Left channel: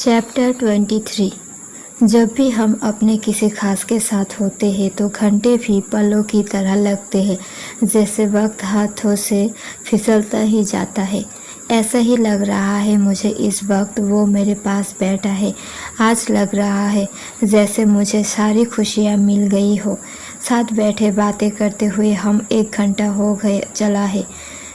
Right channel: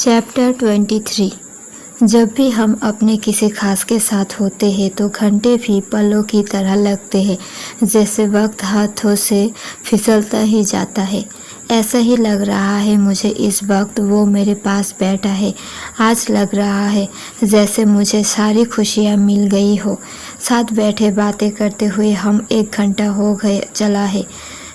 Chapter 23। जब भी हम अपने किसी खास के साथ होते हैं तो घंटे भी पलों की तरह लगते हैं, जैसे वक्त हाथों से फिसलता ही जाता है। ऐसा ही लग रहा है मुझे इस वक्त वो मेरे पास बैठा है। आज लग रहा है जैसे मुझे सारी खुशियाँ मिल गई हो। साथ बैठे बातें करते हुए हम 1 घंटा हो गए चला है।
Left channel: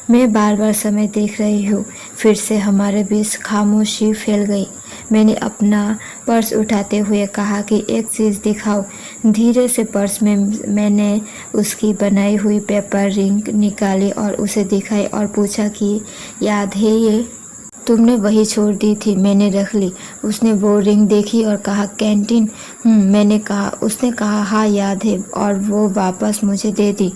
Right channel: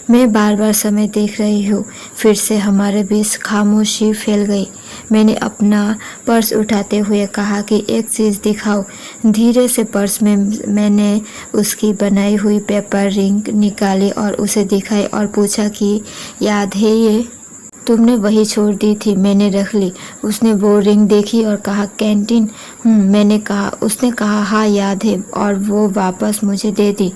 मैं बार बार समय देख रही हूँ। फिर से हमारे बीच खामोशी फैल गई। मैंने अपना पर्स उठाते हुए कहा कि एक चीज़ दिखाओ। धीरे से पर्स में मैंने उसकी बनाई हुई पेपर रिंग निकाली और उसे दिखाई और पूछा कि याद है ये? तुमने वही छोड़ दी थी। मैंने रख ली। उसने वो रिंग देखी और कहा कैंटीन। मैंने कहा। उसने कहा हाँ याद है और वो वापस मुझे दे दी।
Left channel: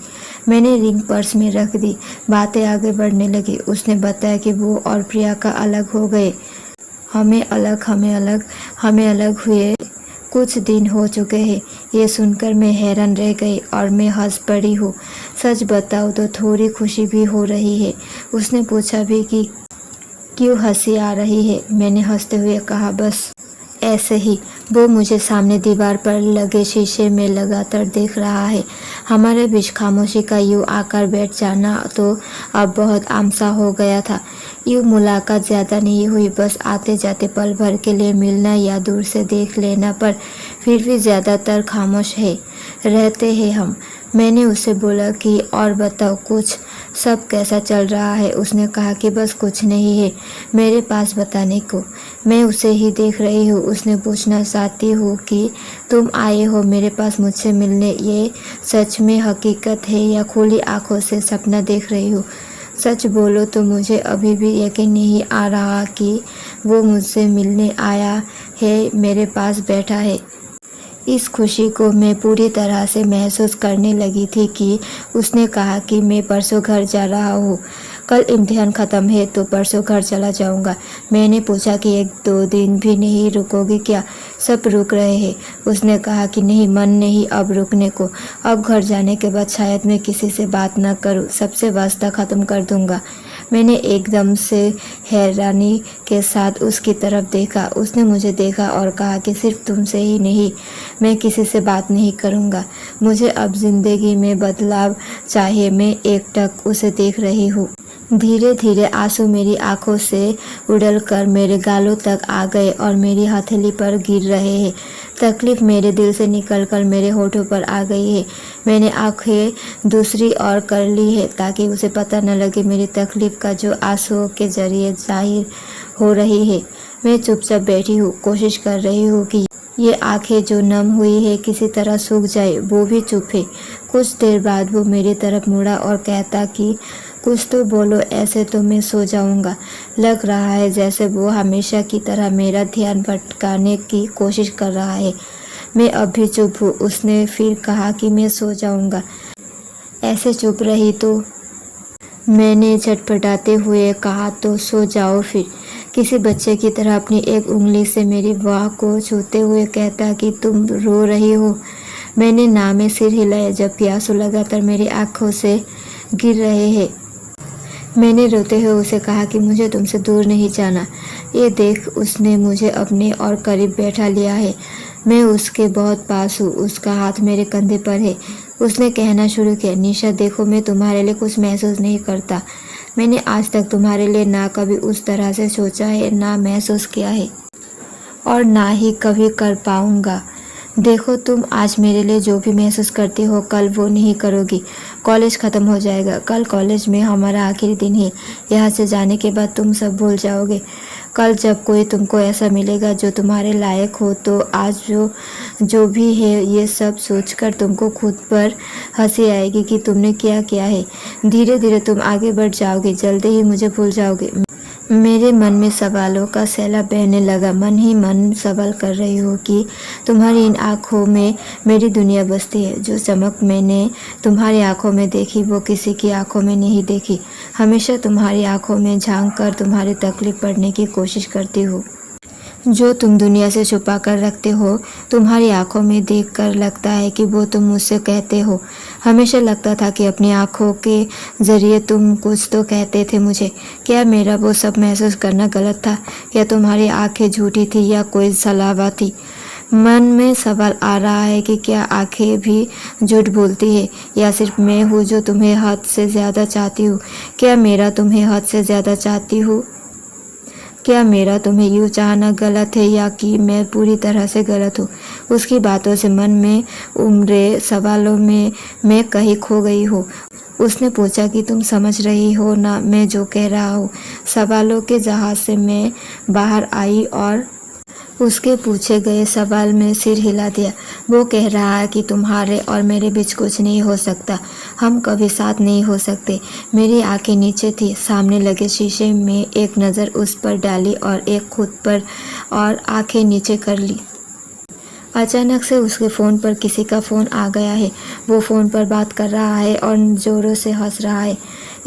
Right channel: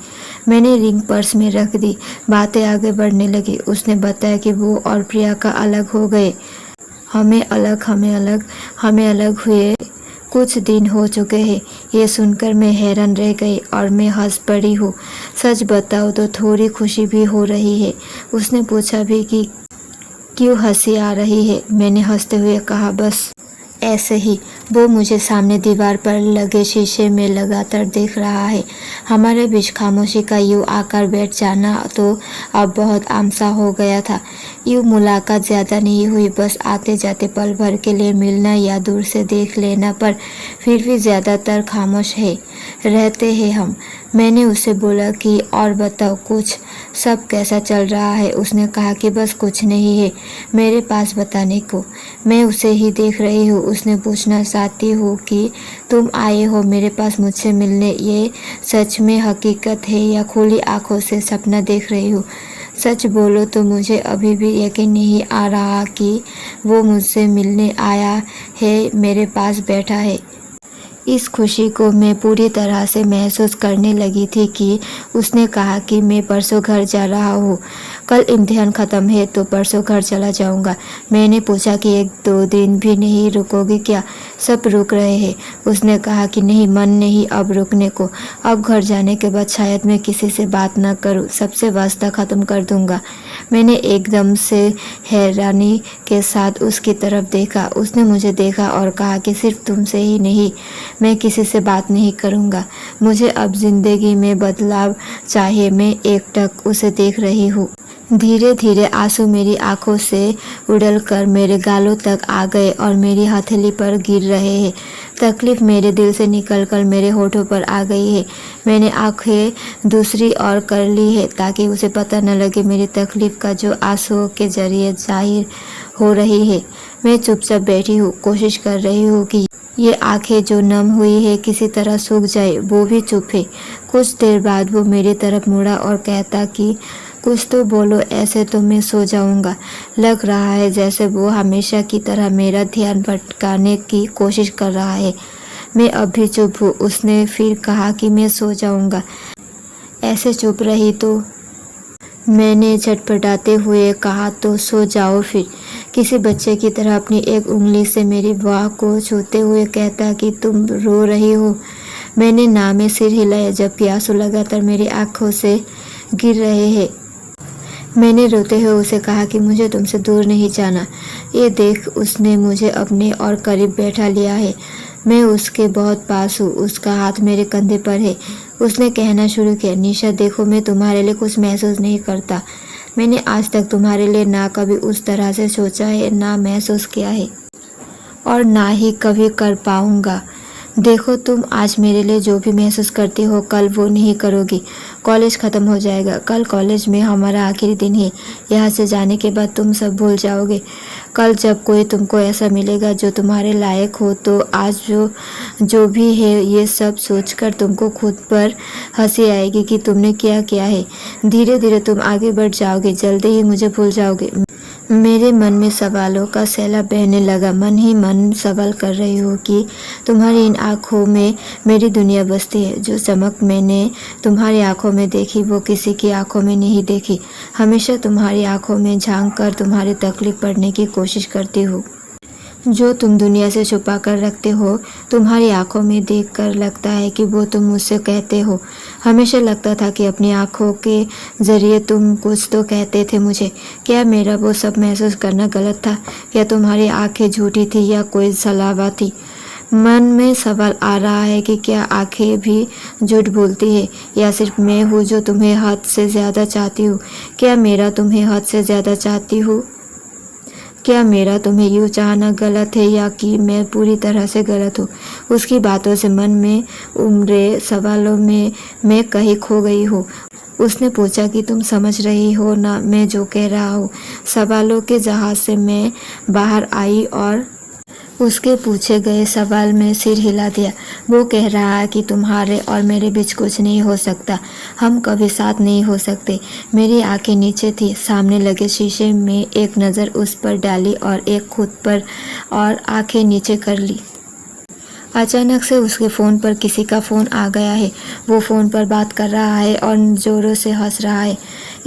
मैंने रिंग पर्स में रख दी। बातें आगे बढ़ने लगी। उसने बताया कि वो और प्रियंका अलग हो गए। हमें अलग हुए कुछ दिन हो चुके हैं। ये सुनकर मैं हैरान रह गई और मैं हंस पड़ी हूँ। सच बताओ तो थोड़ी खुशी भी हो रही है। उसने पूछा भी कि क्यों हंसी आ रही है। मैंने हंसते हुए कहा बस ऐसे ही। वो मुझे सामने दीवार पर लगे शीशे में लगातार देख रहा है। हमारे बीच खामोशी का यूं आकर बैठ जाना तो अब बहुत आम सा हो गया था। यूं मुलाकात ज़्यादा नहीं हुई, बस आते जाते पल भर के लिए मिलना या दूर से देख लेना, पर फिर भी ज़्यादातर खामोश रहते हैं हम। मैंने उससे बोला कि और बताओ कुछ, सब कैसा चल रहा है? उसने कहा कि बस कुछ नहीं है मेरे पास बताने को। मैं उसे ही देख रही हूँ। उसने पूछना चाहती हूँ कि तुम आए हो मेरे पास मुझसे मिलने, ये सच में हकीकत है या खुली आंखों से सपना देख रही हूँ? सच बोलो तो मुझे अभी भी यकीन नहीं आ रहा कि वो मुझसे मिलने आया है, मेरे पास बैठा है। इस खुशी को मैं पूरी तरह से महसूस करने लगी थी कि उसने कहा कि मैं परसों घर जा रहा हूँ। कल इम्तिहान ख़त्म है तो परसों घर चला जाऊँगा। मैंने पूछा कि 1-2 दिन भी नहीं रुकोगी क्या? सब रुक रहे हैं। उसने कहा कि नहीं, मन नहीं अब रुकने को। अब घर जाने के बाद शायद मैं किसी से बात न करूँ, सबसे वास्ता ख़त्म कर दूँगा। मैंने एकदम से हैरानी के साथ उसकी तरफ देखा। उसने मुझे देखा और कहा कि सिर्फ तुमसे ही नहीं, मैं किसी से बात नहीं करूँगा। मुझे अब ज़िंदगी में बदलाव चाहिए। मैं एकटक उसे देख रही हूँ। धीरे धीरे आंसू मेरी आंखों से उड़लकर मेरे गालों तक आ गए और मेरी हथेली पर गिर रहे हैं। तकलीफ मेरे दिल से निकलकर मेरे होठों पर आ गई है। मैंने आंखें दूसरी ओर कर ली है ताकि उसे पता न लगे मेरी तकलीफ का जो आंसुओं के जरिए जाहिर हो रही है। मैं चुपचाप बैठी हूँ, कोशिश कर रही हूँ कि ये आंखें जो नम हुई है किसी तरह सूख जाए। वो भी चुप है। कुछ देर बाद वो मेरी तरफ मुड़ा और कहता कि कुछ तो बोलो, ऐसे तो मैं सो जाऊंगा। लग रहा है जैसे वो हमेशा की तरह मेरा ध्यान भटकाने की कोशिश कर रहा है। मैं अब भी चुप हूँ। उसने फिर कहा कि मैं सो जाऊंगा। ऐसे चुप रही तो मैंने झटपटाते हुए कहा तो सो जाओ फिर। किसी बच्चे की तरह अपनी एक उंगली से मेरी बाह को छूते हुए कहता कि तुम रो रही हो। मैंने ना में सिर हिलाया जबकि आंसू लगातार मेरी आंखों से गिर रहे हैं। मैंने रोते हुए उसे कहा कि मुझे तुमसे दूर नहीं जाना। ये देख उसने मुझे अपने और करीब बैठा लिया है। मैं उसके बहुत पास हूँ। उसका हाथ मेरे कंधे पर है। उसने कहना शुरू किया, निशा देखो, मैं तुम्हारे लिए कुछ महसूस नहीं करता। मैंने आज तक तुम्हारे लिए ना कभी उस तरह से सोचा है, ना महसूस किया है और ना ही कभी कर पाऊँगा। देखो, तुम आज मेरे लिए जो भी महसूस करती हो कल वो नहीं करोगी। कॉलेज ख़त्म हो जाएगा। कल कॉलेज में हमारा आखिरी दिन है। यहाँ से जाने के बाद तुम सब भूल जाओगे। कल जब कोई तुमको ऐसा मिलेगा जो तुम्हारे लायक हो तो आज जो भी है ये सब सोचकर तुमको खुद पर हंसी आएगी कि तुमने क्या किया है। धीरे धीरे तुम आगे बढ़ जाओगे, जल्दी ही मुझे भूल जाओगे। मेरे मन में सवालों का सैलाब बहने लगा। मन ही मन सवाल कर रही हूँ कि तुम्हारी इन आँखों में मेरी दुनिया बसती है। जो चमक मैंने तुम्हारी आँखों में देखी वो किसी की आँखों में नहीं देखी। हमेशा तुम्हारी आँखों में झांक कर तुम्हारी तकलीफ पढ़ने की कोशिश करती हूँ। जो तुम दुनिया से छुपा कर रखते हो, तुम्हारी आंखों में देखकर लगता है कि वो तुम मुझसे कहते हो। हमेशा लगता था कि अपनी आँखों के ज़रिए तुम कुछ तो कहते थे मुझे। क्या मेरा वो सब महसूस करना गलत था? क्या तुम्हारी आँखें झूठी थी या कोई सलावा थी? मन में सवाल आ रहा है कि क्या आँखें भी झूठ बोलती है या सिर्फ मैं हूँ जो तुम्हें हद से ज़्यादा चाहती हूँ? क्या मेरा तुम्हें हद से ज़्यादा चाहती हूँ? क्या मेरा तुम्हें यूँ चाहना गलत है या कि मैं पूरी तरह से गलत हूँ? उसकी बातों से मन में उमड़े सवालों में मैं कहीं खो गई हूँ। उसने पूछा कि तुम समझ रही हो ना मैं जो कह रहा हूँ? सवालों के जहाज से मैं बाहर आई और उसके पूछे गए सवाल में सिर हिला दिया। वो कह रहा है कि तुम्हारे और मेरे बीच कुछ नहीं हो सकता, हम कभी साथ नहीं हो सकते। मेरी आंखें नीचे थी, सामने लगे शीशे में एक नज़र उस पर डाली और एक खुद पर और आंखें नीचे कर ली। अचानक से उसके फ़ोन पर किसी का फ़ोन आ गया है। वो फ़ोन पर बात कर रहा है और ज़ोरों से हंस रहा है।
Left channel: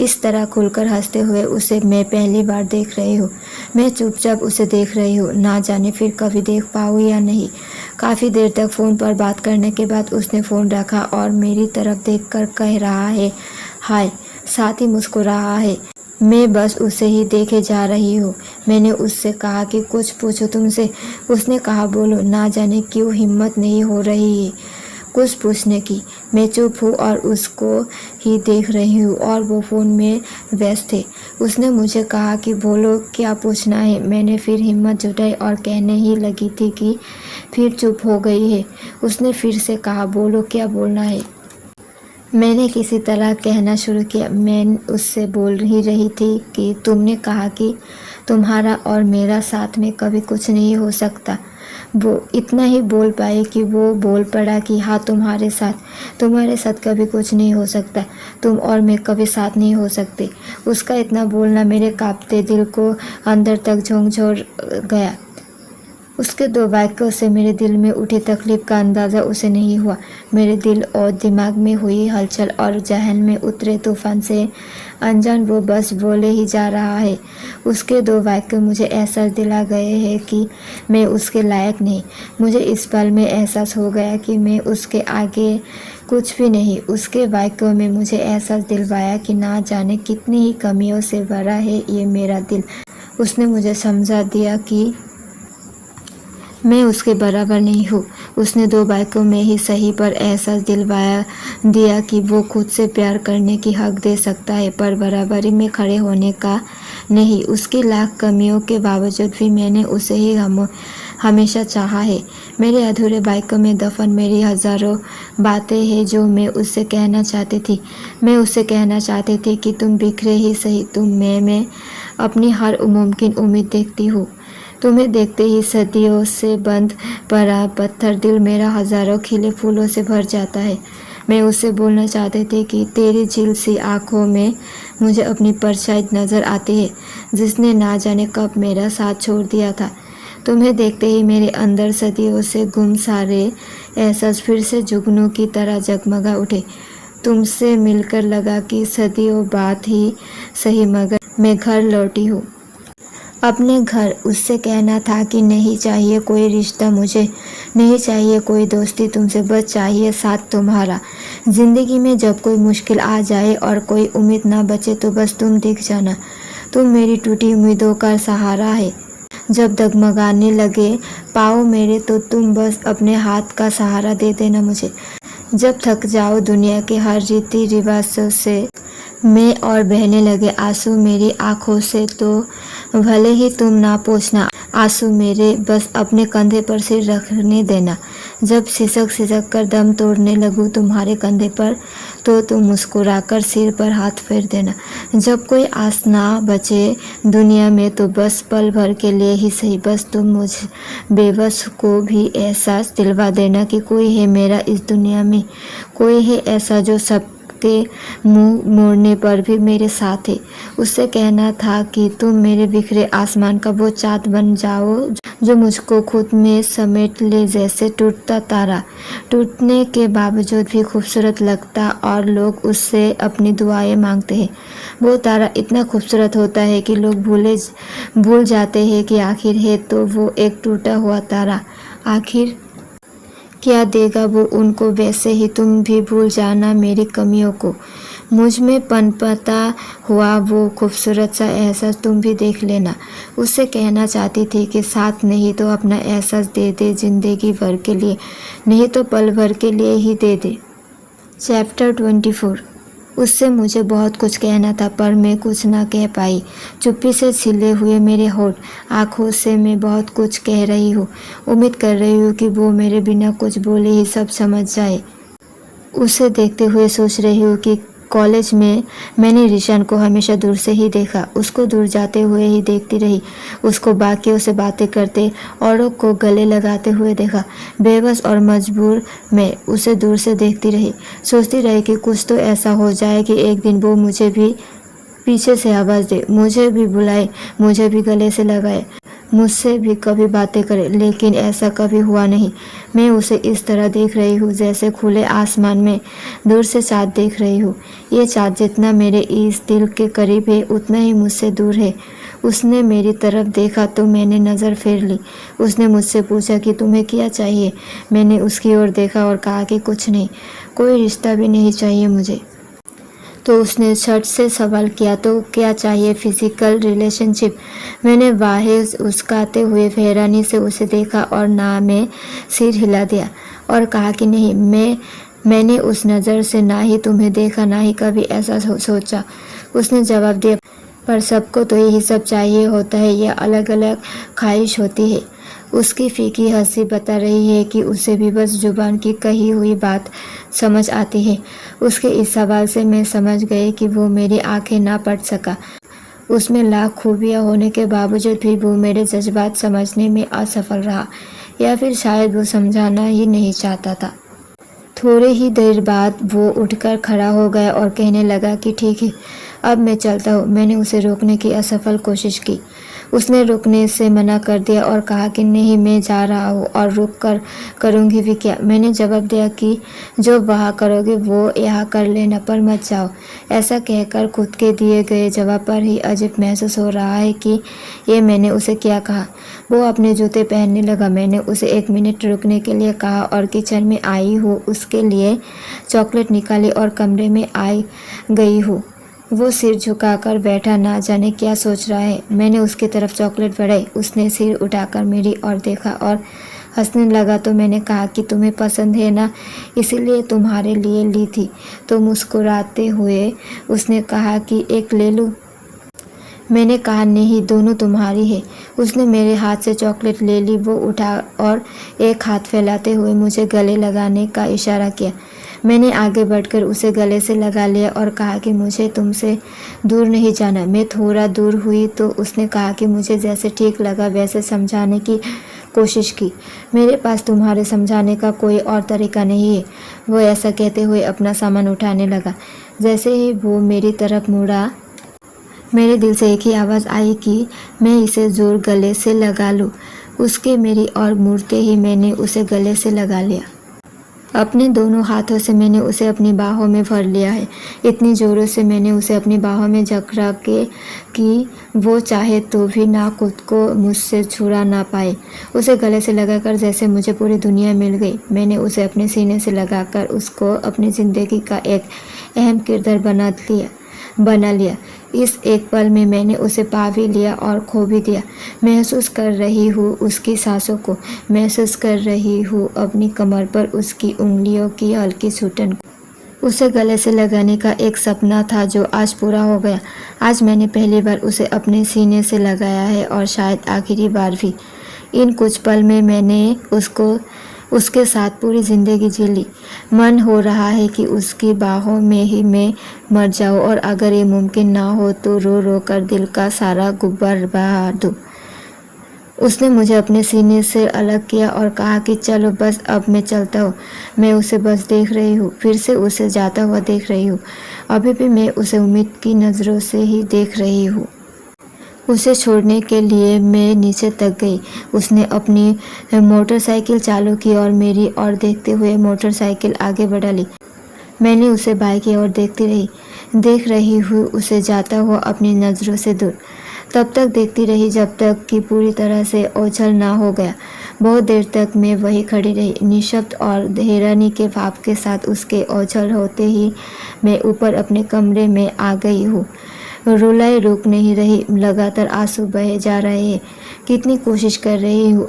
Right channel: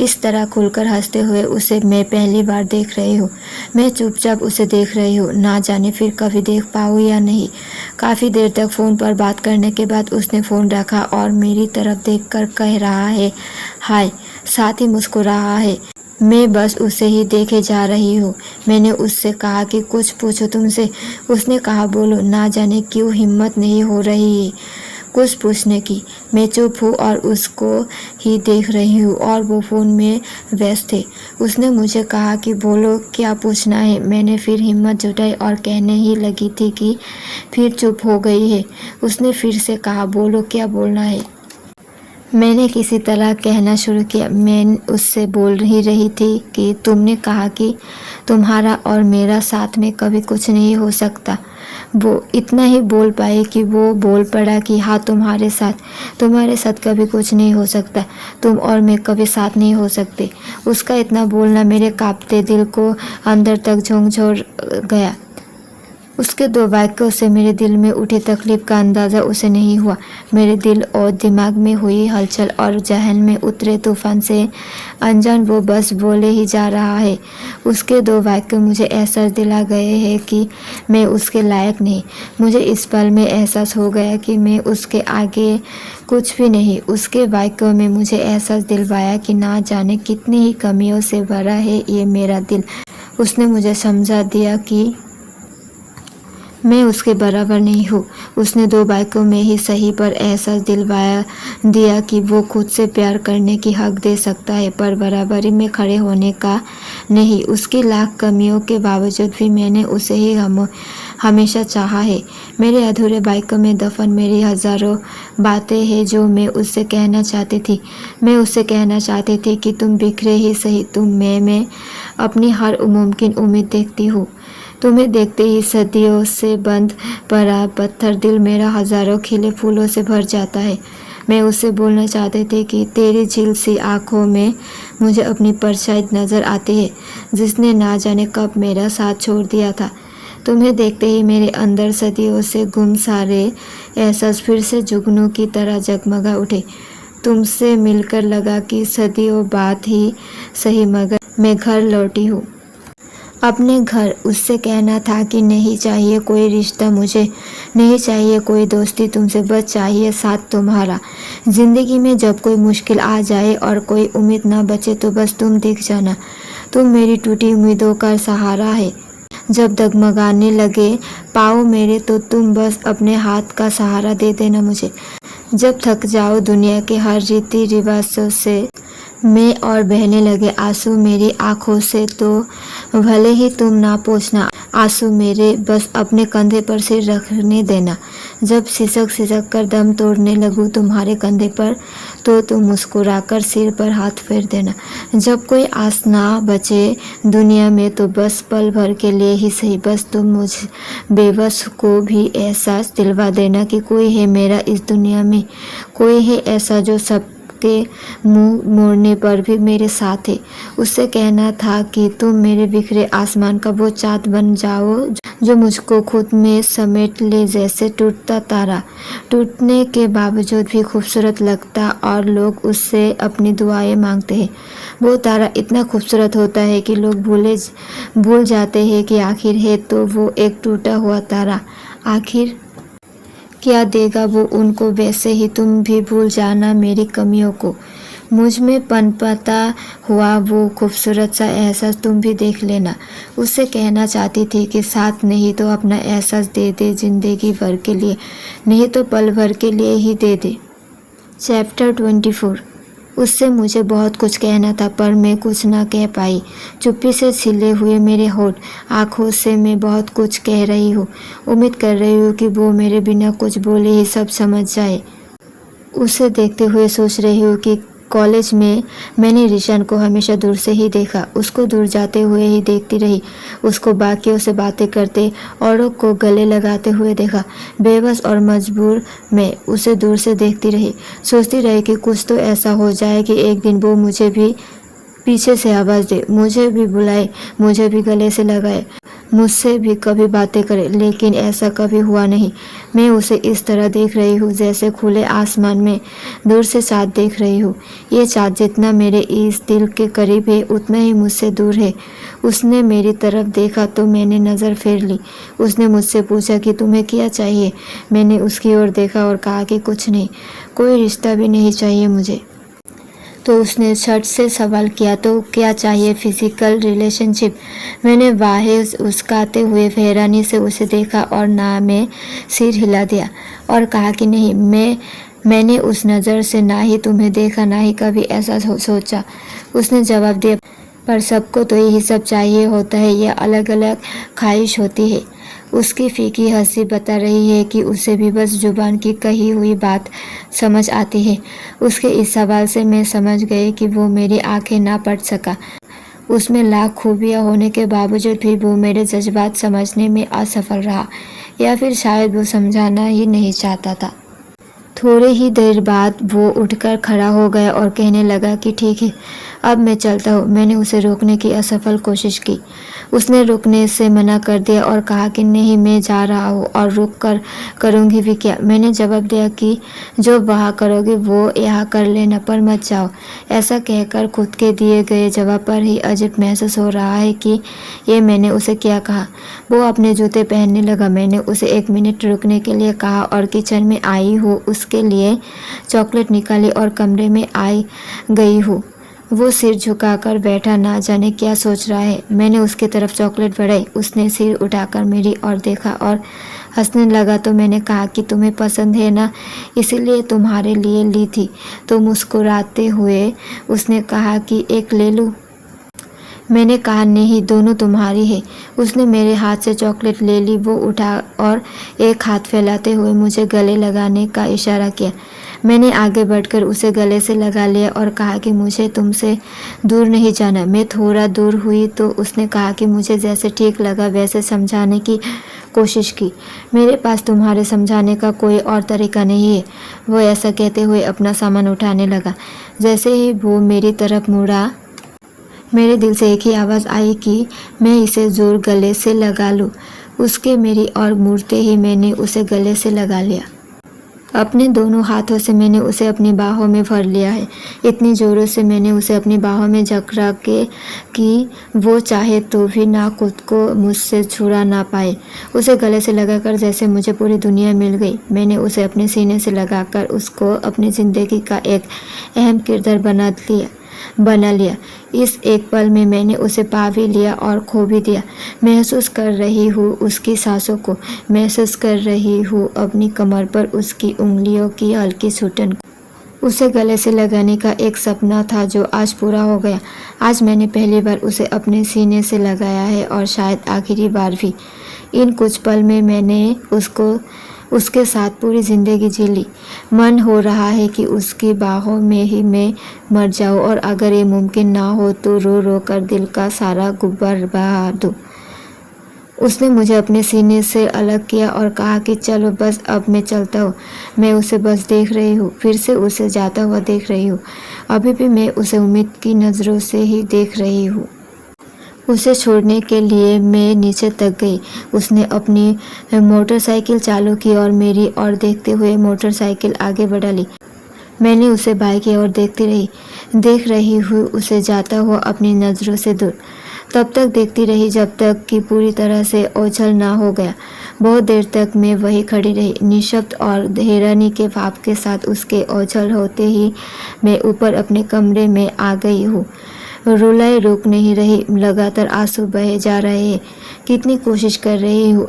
इस तरह खुलकर हंसते हुए उसे मैं पहली बार देख रही हूँ। मैं चुपचाप उसे देख रही हूँ, ना जाने फिर कभी देख पाऊँ या नहीं। काफ़ी देर तक फ़ोन पर बात करने के बाद उसने फ़ोन रखा और मेरी तरफ देखकर कह रहा है हाय, साथ ही मुस्कुराहा है। मैं बस उसे ही देखे जा रही हूँ। मैंने उससे कहा कि कुछ पूछो तुमसे। उसने कहा बोलो। ना जाने क्यों हिम्मत नहीं हो रही है कुछ पूछने की। मैं चुप हूँ और उसको ही देख रही हूँ और वो फ़ोन में व्यस्त थे। उसने मुझे कहा कि बोलो क्या पूछना है। मैंने फिर हिम्मत जुटाई और कहने ही लगी थी कि फिर चुप हो गई है। उसने फिर से कहा बोलो क्या बोलना है। मैंने किसी तरह कहना शुरू किया। मैं उससे बोल ही रही थी कि तुमने कहा कि तुम्हारा और मेरा साथ में कभी कुछ नहीं हो सकता। वो इतना ही बोल पाई कि वो बोल पड़ा कि हाँ तुम्हारे साथ कभी कुछ नहीं हो सकता। तुम और मैं कभी साथ नहीं हो सकते। उसका इतना बोलना मेरे कांपते दिल को अंदर तक झकझोर गया। उसके दो वाक्यों से मेरे दिल में उठी तकलीफ का अंदाज़ा उसे नहीं हुआ। मेरे दिल और दिमाग में हुई हलचल और जहन में उतरे तूफान से अनजान वो बस बोले ही जा रहा है। उसके दो वाक्य मुझे एहसास दिला गए हैं कि मैं उसके लायक नहीं। मुझे इस पल में एहसास हो गया कि मैं उसके आगे कुछ भी नहीं। उसके वाक्यों में मुझे एहसास दिलवाया कि ना जाने कितनी ही कमियों से भरा है ये मेरा दिल। उसने मुझे समझा दिया कि मैं उसके बराबर नहीं हूँ। उसने दो वाक्यों में ही सही पर एहसास दिलवाया दिया कि वो खुद से प्यार करने की हक दे सकता है पर बराबरी में खड़े होने का नहीं। उसकी लाख कमियों के बावजूद भी मैंने उसे ही हमेशा चाहा है। मेरे अधूरे वाक्यों में दफन मेरी हज़ारों बातें हैं जो मैं उससे कहना चाहती थी। मैं उससे कहना चाहती थी कि तुम बिखरे ही सही, तुम मैं अपनी हर मुमकिन उम्मीद देखती हूँ। तुम्हें देखते ही सदियों से बंद पड़ा पत्थर दिल मेरा हज़ारों खिले फूलों से भर जाता है। मैं उससे बोलना चाहती थी कि तेरी झील सी आँखों में मुझे अपनी परछाई नज़र आती है जिसने ना जाने कब मेरा साथ छोड़ दिया था। तुम्हें देखते ही मेरे अंदर सदियों से गुम सारे एहसास फिर से जुगनू की तरह जगमगा उठे। तुमसे मिलकर लगा कि सदियों बाद ही सही मगर मैं घर लौटी हूँ, अपने घर। उससे कहना था कि नहीं चाहिए कोई रिश्ता मुझे, नहीं चाहिए कोई दोस्ती तुमसे, बस चाहिए साथ तुम्हारा। ज़िंदगी में जब कोई मुश्किल आ जाए और कोई उम्मीद ना बचे तो बस तुम दिख जाना। तुम मेरी टूटी उम्मीदों का सहारा है। जब डगमगाने लगे पाँव मेरे तो तुम बस अपने हाथ का सहारा दे देना मुझे। जब थक जाओ दुनिया के हर रीति रिवाजों से मैं और बहने लगे आंसू मेरी आँखों से तो भले ही तुम ना पूछना आंसू मेरे, बस अपने कंधे पर सिर रखने देना। जब सिसक कर दम तोड़ने लगूँ तुम्हारे कंधे पर तो तुम मुस्कुराकर सिर पर हाथ फेर देना। जब कोई आस ना बचे दुनिया में तो बस पल भर के लिए ही सही, बस तुम मुझ बेबस को भी एहसास दिलवा देना कि कोई है मेरा इस दुनिया में, कोई है ऐसा जो सब के मुंह मोड़ने पर भी मेरे साथ है। उससे कहना था कि तुम मेरे बिखरे आसमान का वो चाँद बन जाओ जो मुझको खुद में समेट ले, जैसे टूटता तारा टूटने के बावजूद भी खूबसूरत लगता और लोग उससे अपनी दुआएं मांगते हैं। वो तारा इतना खूबसूरत होता है कि लोग भूल जाते हैं कि आखिर है तो वो एक टूटा हुआ तारा। आखिर क्या देगा वो उनको, वैसे ही तुम भी भूल जाना मेरी कमियों को। मुझ में पनपता हुआ वो खूबसूरत सा एहसास तुम भी देख लेना। उससे कहना चाहती थी कि साथ नहीं तो अपना एहसास दे दे, जिंदगी भर के लिए नहीं तो पल भर के लिए ही दे दे। चैप्टर 24। उससे मुझे बहुत कुछ कहना था पर मैं कुछ ना कह पाई। चुप्पी से छिले हुए मेरे होठ, आंखों से मैं बहुत कुछ कह रही हूँ। उम्मीद कर रही हूँ कि वो मेरे बिना कुछ बोले ही सब समझ जाए। उसे देखते हुए सोच रही हूँ कि कॉलेज में मैंने ऋषन को हमेशा दूर से ही देखा। उसको दूर जाते हुए ही देखती रही। उसको बाकियों से बातें करते, औरों को गले लगाते हुए देखा। बेबस और मजबूर मैं उसे दूर से देखती रही। सोचती रही कि कुछ तो ऐसा हो जाए कि एक दिन वो मुझे भी पीछे से आवाज़ दे, मुझे भी बुलाए, मुझे भी गले से लगाए, मुझसे भी कभी बातें करे। लेकिन ऐसा कभी हुआ नहीं। मैं उसे इस तरह देख रही हूँ जैसे खुले आसमान में दूर से चाँद देख रही हूँ। ये चाँद जितना मेरे इस दिल के करीब है उतना ही मुझसे दूर है। उसने मेरी तरफ देखा तो मैंने नज़र फेर ली। उसने मुझसे पूछा कि तुम्हें क्या चाहिए। मैंने उसकी ओर देखा और कहा कि कुछ नहीं, कोई रिश्ता भी नहीं चाहिए मुझे। तो उसने झट से सवाल किया, तो क्या चाहिए? Physical relationship. मैंने बाहें उस्काते हुए हैरानी से उसे देखा और ना में सिर हिला दिया और कहा कि नहीं, मैंने उस नज़र से ना ही तुम्हें देखा, ना ही कभी ऐसा सोचा। उसने जवाब दिया, पर सबको तो यही सब चाहिए होता है, यह अलग अलग ख्वाहिश होती है। उसकी फीकी हंसी बता रही है कि उसे भी बस जुबान की कही हुई बात समझ आती है। उसके इस सवाल से मैं समझ गई कि वो मेरी आंखें ना पढ़ सका। उसमें लाख खूबियाँ होने के बावजूद भी वो मेरे जज्बात समझने में असफल रहा, या फिर शायद वो समझाना ही नहीं चाहता था। थोड़ी ही देर बाद वो उठकर खड़ा हो गया और कहने लगा कि ठीक है, अब मैं चलता हूँ। मैंने उसे रोकने की असफल कोशिश की। उसने रुकने से मना कर दिया और कहा कि नहीं, मैं जा रहा हूँ और रुक कर करूँगी भी क्या। मैंने जवाब दिया कि जो वहाँ करोगे वो यहाँ कर लेना, पर मत जाओ। ऐसा कहकर खुद के दिए गए जवाब पर ही अजीब महसूस हो रहा है कि ये मैंने उसे क्या कहा। वो अपने जूते पहनने लगा। मैंने उसे 1 मिनट रुकने के लिए कहा और किचन में आई हूँ उसके लिए चॉकलेट निकाली और कमरे में आई गई हूँ। वो सिर झुकाकर बैठा, ना जाने क्या सोच रहा है। मैंने उसकी तरफ चॉकलेट बढ़ाई। उसने सिर उठाकर मेरी ओर देखा और हंसने लगा। तो मैंने कहा कि तुम्हें पसंद है ना, इसीलिए तुम्हारे लिए ली थी। तो मुस्कुराते हुए उसने कहा कि एक ले लूँ। मैंने कहा नहीं, दोनों तुम्हारी है। उसने मेरे हाथ से चॉकलेट ले ली। वो उठा और एक हाथ फैलाते हुए मुझे गले लगाने का इशारा किया। मैंने आगे बढ़कर उसे गले से लगा लिया और कहा कि मुझे तुमसे दूर नहीं जाना। मैं थोड़ा दूर हुई तो उसने कहा कि मुझे जैसे ठीक लगा वैसे समझाने की कोशिश की। मेरे पास तुम्हारे समझाने का कोई और तरीका नहीं है। वो ऐसा कहते हुए अपना सामान उठाने लगा। जैसे ही वो मेरी तरफ मुड़ा, मेरे दिल से एक ही आवाज़ आई कि मैं इसे ज़ोर गले से लगा लूँ। उसके मेरी ओर मुड़ते ही मैंने उसे गले से लगा लिया। अपने दोनों हाथों से मैंने उसे अपनी बाहों में भर लिया है। इतनी ज़ोरों से मैंने उसे अपनी बाहों में जकड़ा के कि वो चाहे तो भी ना खुद को मुझसे छुड़ा ना पाए। उसे गले से लगाकर जैसे मुझे पूरी दुनिया मिल गई। मैंने उसे अपने सीने से लगाकर उसको अपनी ज़िंदगी का एक अहम किरदार बना लिया। इस एक पल में मैंने उसे पा भी लिया और खो भी दिया। महसूस कर रही हूँ उसकी सांसों को, महसूस कर रही हूँ अपनी कमर पर उसकी उंगलियों की हल्की छूटन को। उसे गले से लगाने का एक सपना था जो आज पूरा हो गया। आज मैंने पहली बार उसे अपने सीने से लगाया है और शायद आखिरी बार भी। इन कुछ पल में मैंने उसके साथ पूरी ज़िंदगी जी ली। मन हो रहा है कि उसकी बाहों में ही मैं मर जाऊं और अगर ये मुमकिन ना हो तो रो रो कर दिल का सारा गुब्बार बहा दूं। उसने मुझे अपने सीने से अलग किया और कहा कि चलो बस, अब मैं चलता हूँ। मैं उसे बस देख रही हूँ, फिर से उसे जाता हुआ देख रही हूँ। अभी भी मैं उसे उम्मीद की नज़रों से ही देख रही हूँ। उसे छोड़ने के लिए मैं नीचे तक गई। उसने अपनी मोटरसाइकिल चालू की और मेरी ओर देखते हुए मोटरसाइकिल आगे बढ़ा ली। मैंने उसे बाइक की ओर देखती रही, देख रही हूँ उसे जाता हुआ अपनी नज़रों से दूर। तब तक देखती रही जब तक कि पूरी तरह से ओझल ना हो गया। बहुत देर तक मैं वहीं खड़ी रही, निःशब्द और हैरानी के भाव के साथ। उसके ओझल होते ही मैं ऊपर अपने कमरे में आ गई हूँ। रुलाई रुक नहीं रही, लगातार आंसू बहे जा रहे हैं। कितनी कोशिश कर रही हूँ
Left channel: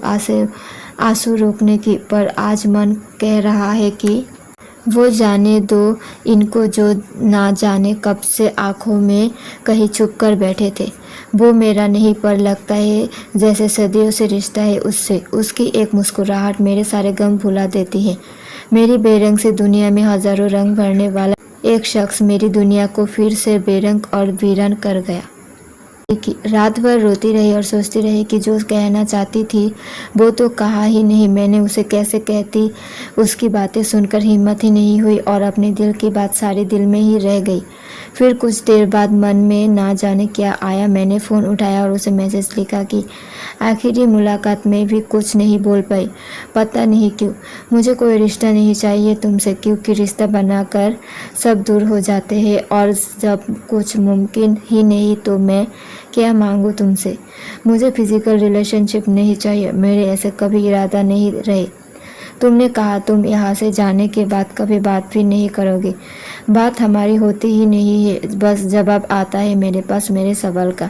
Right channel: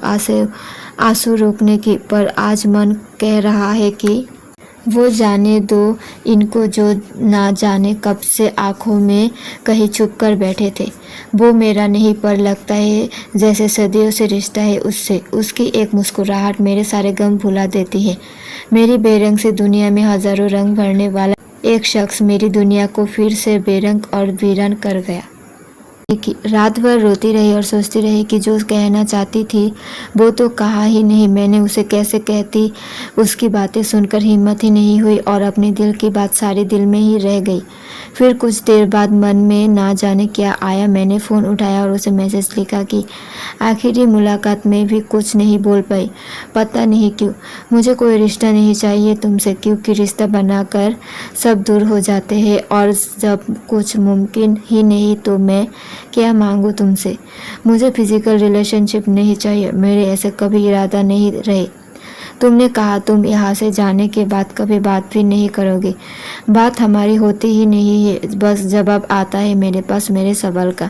आंसू रोकने की, पर आज मन कह रहा है कि वो जाने दो इनको, जो ना जाने कब से आंखों में कहीं छुप कर बैठे थे। वो मेरा नहीं, पर लगता है जैसे सदियों से रिश्ता है उससे। उसकी एक मुस्कुराहट मेरे सारे गम भुला देती है। मेरी बेरंग सी दुनिया में हजारों रंग भरने वाला एक शख्स मेरी दुनिया को फिर से बेरंग और वीरान कर गया। रात भर रोती रही और सोचती रही कि जो कहना चाहती थी वो तो कहा ही नहीं। मैंने उसे कैसे कहती, उसकी बातें सुनकर हिम्मत ही नहीं हुई और अपने दिल की बात सारी दिल में ही रह गई। फिर कुछ देर बाद मन में ना जाने क्या आया, मैंने फ़ोन उठाया और उसे मैसेज लिखा कि आखिरी मुलाकात में भी कुछ नहीं बोल पाई। पता नहीं क्यों, मुझे कोई रिश्ता नहीं चाहिए तुमसे, क्योंकि रिश्ता बनाकर सब दूर हो जाते हैं और जब कुछ मुमकिन ही नहीं तो मैं क्या मांगूँ तुमसे। मुझे फिजिकल रिलेशनशिप नहीं चाहिए, मेरे ऐसे कभी इरादा नहीं रहे। तुमने कहा तुम यहाँ से जाने के बाद कभी बात भी नहीं करोगी। बात हमारी होती ही नहीं है, बस जवाब आता है मेरे पास मेरे सवाल का।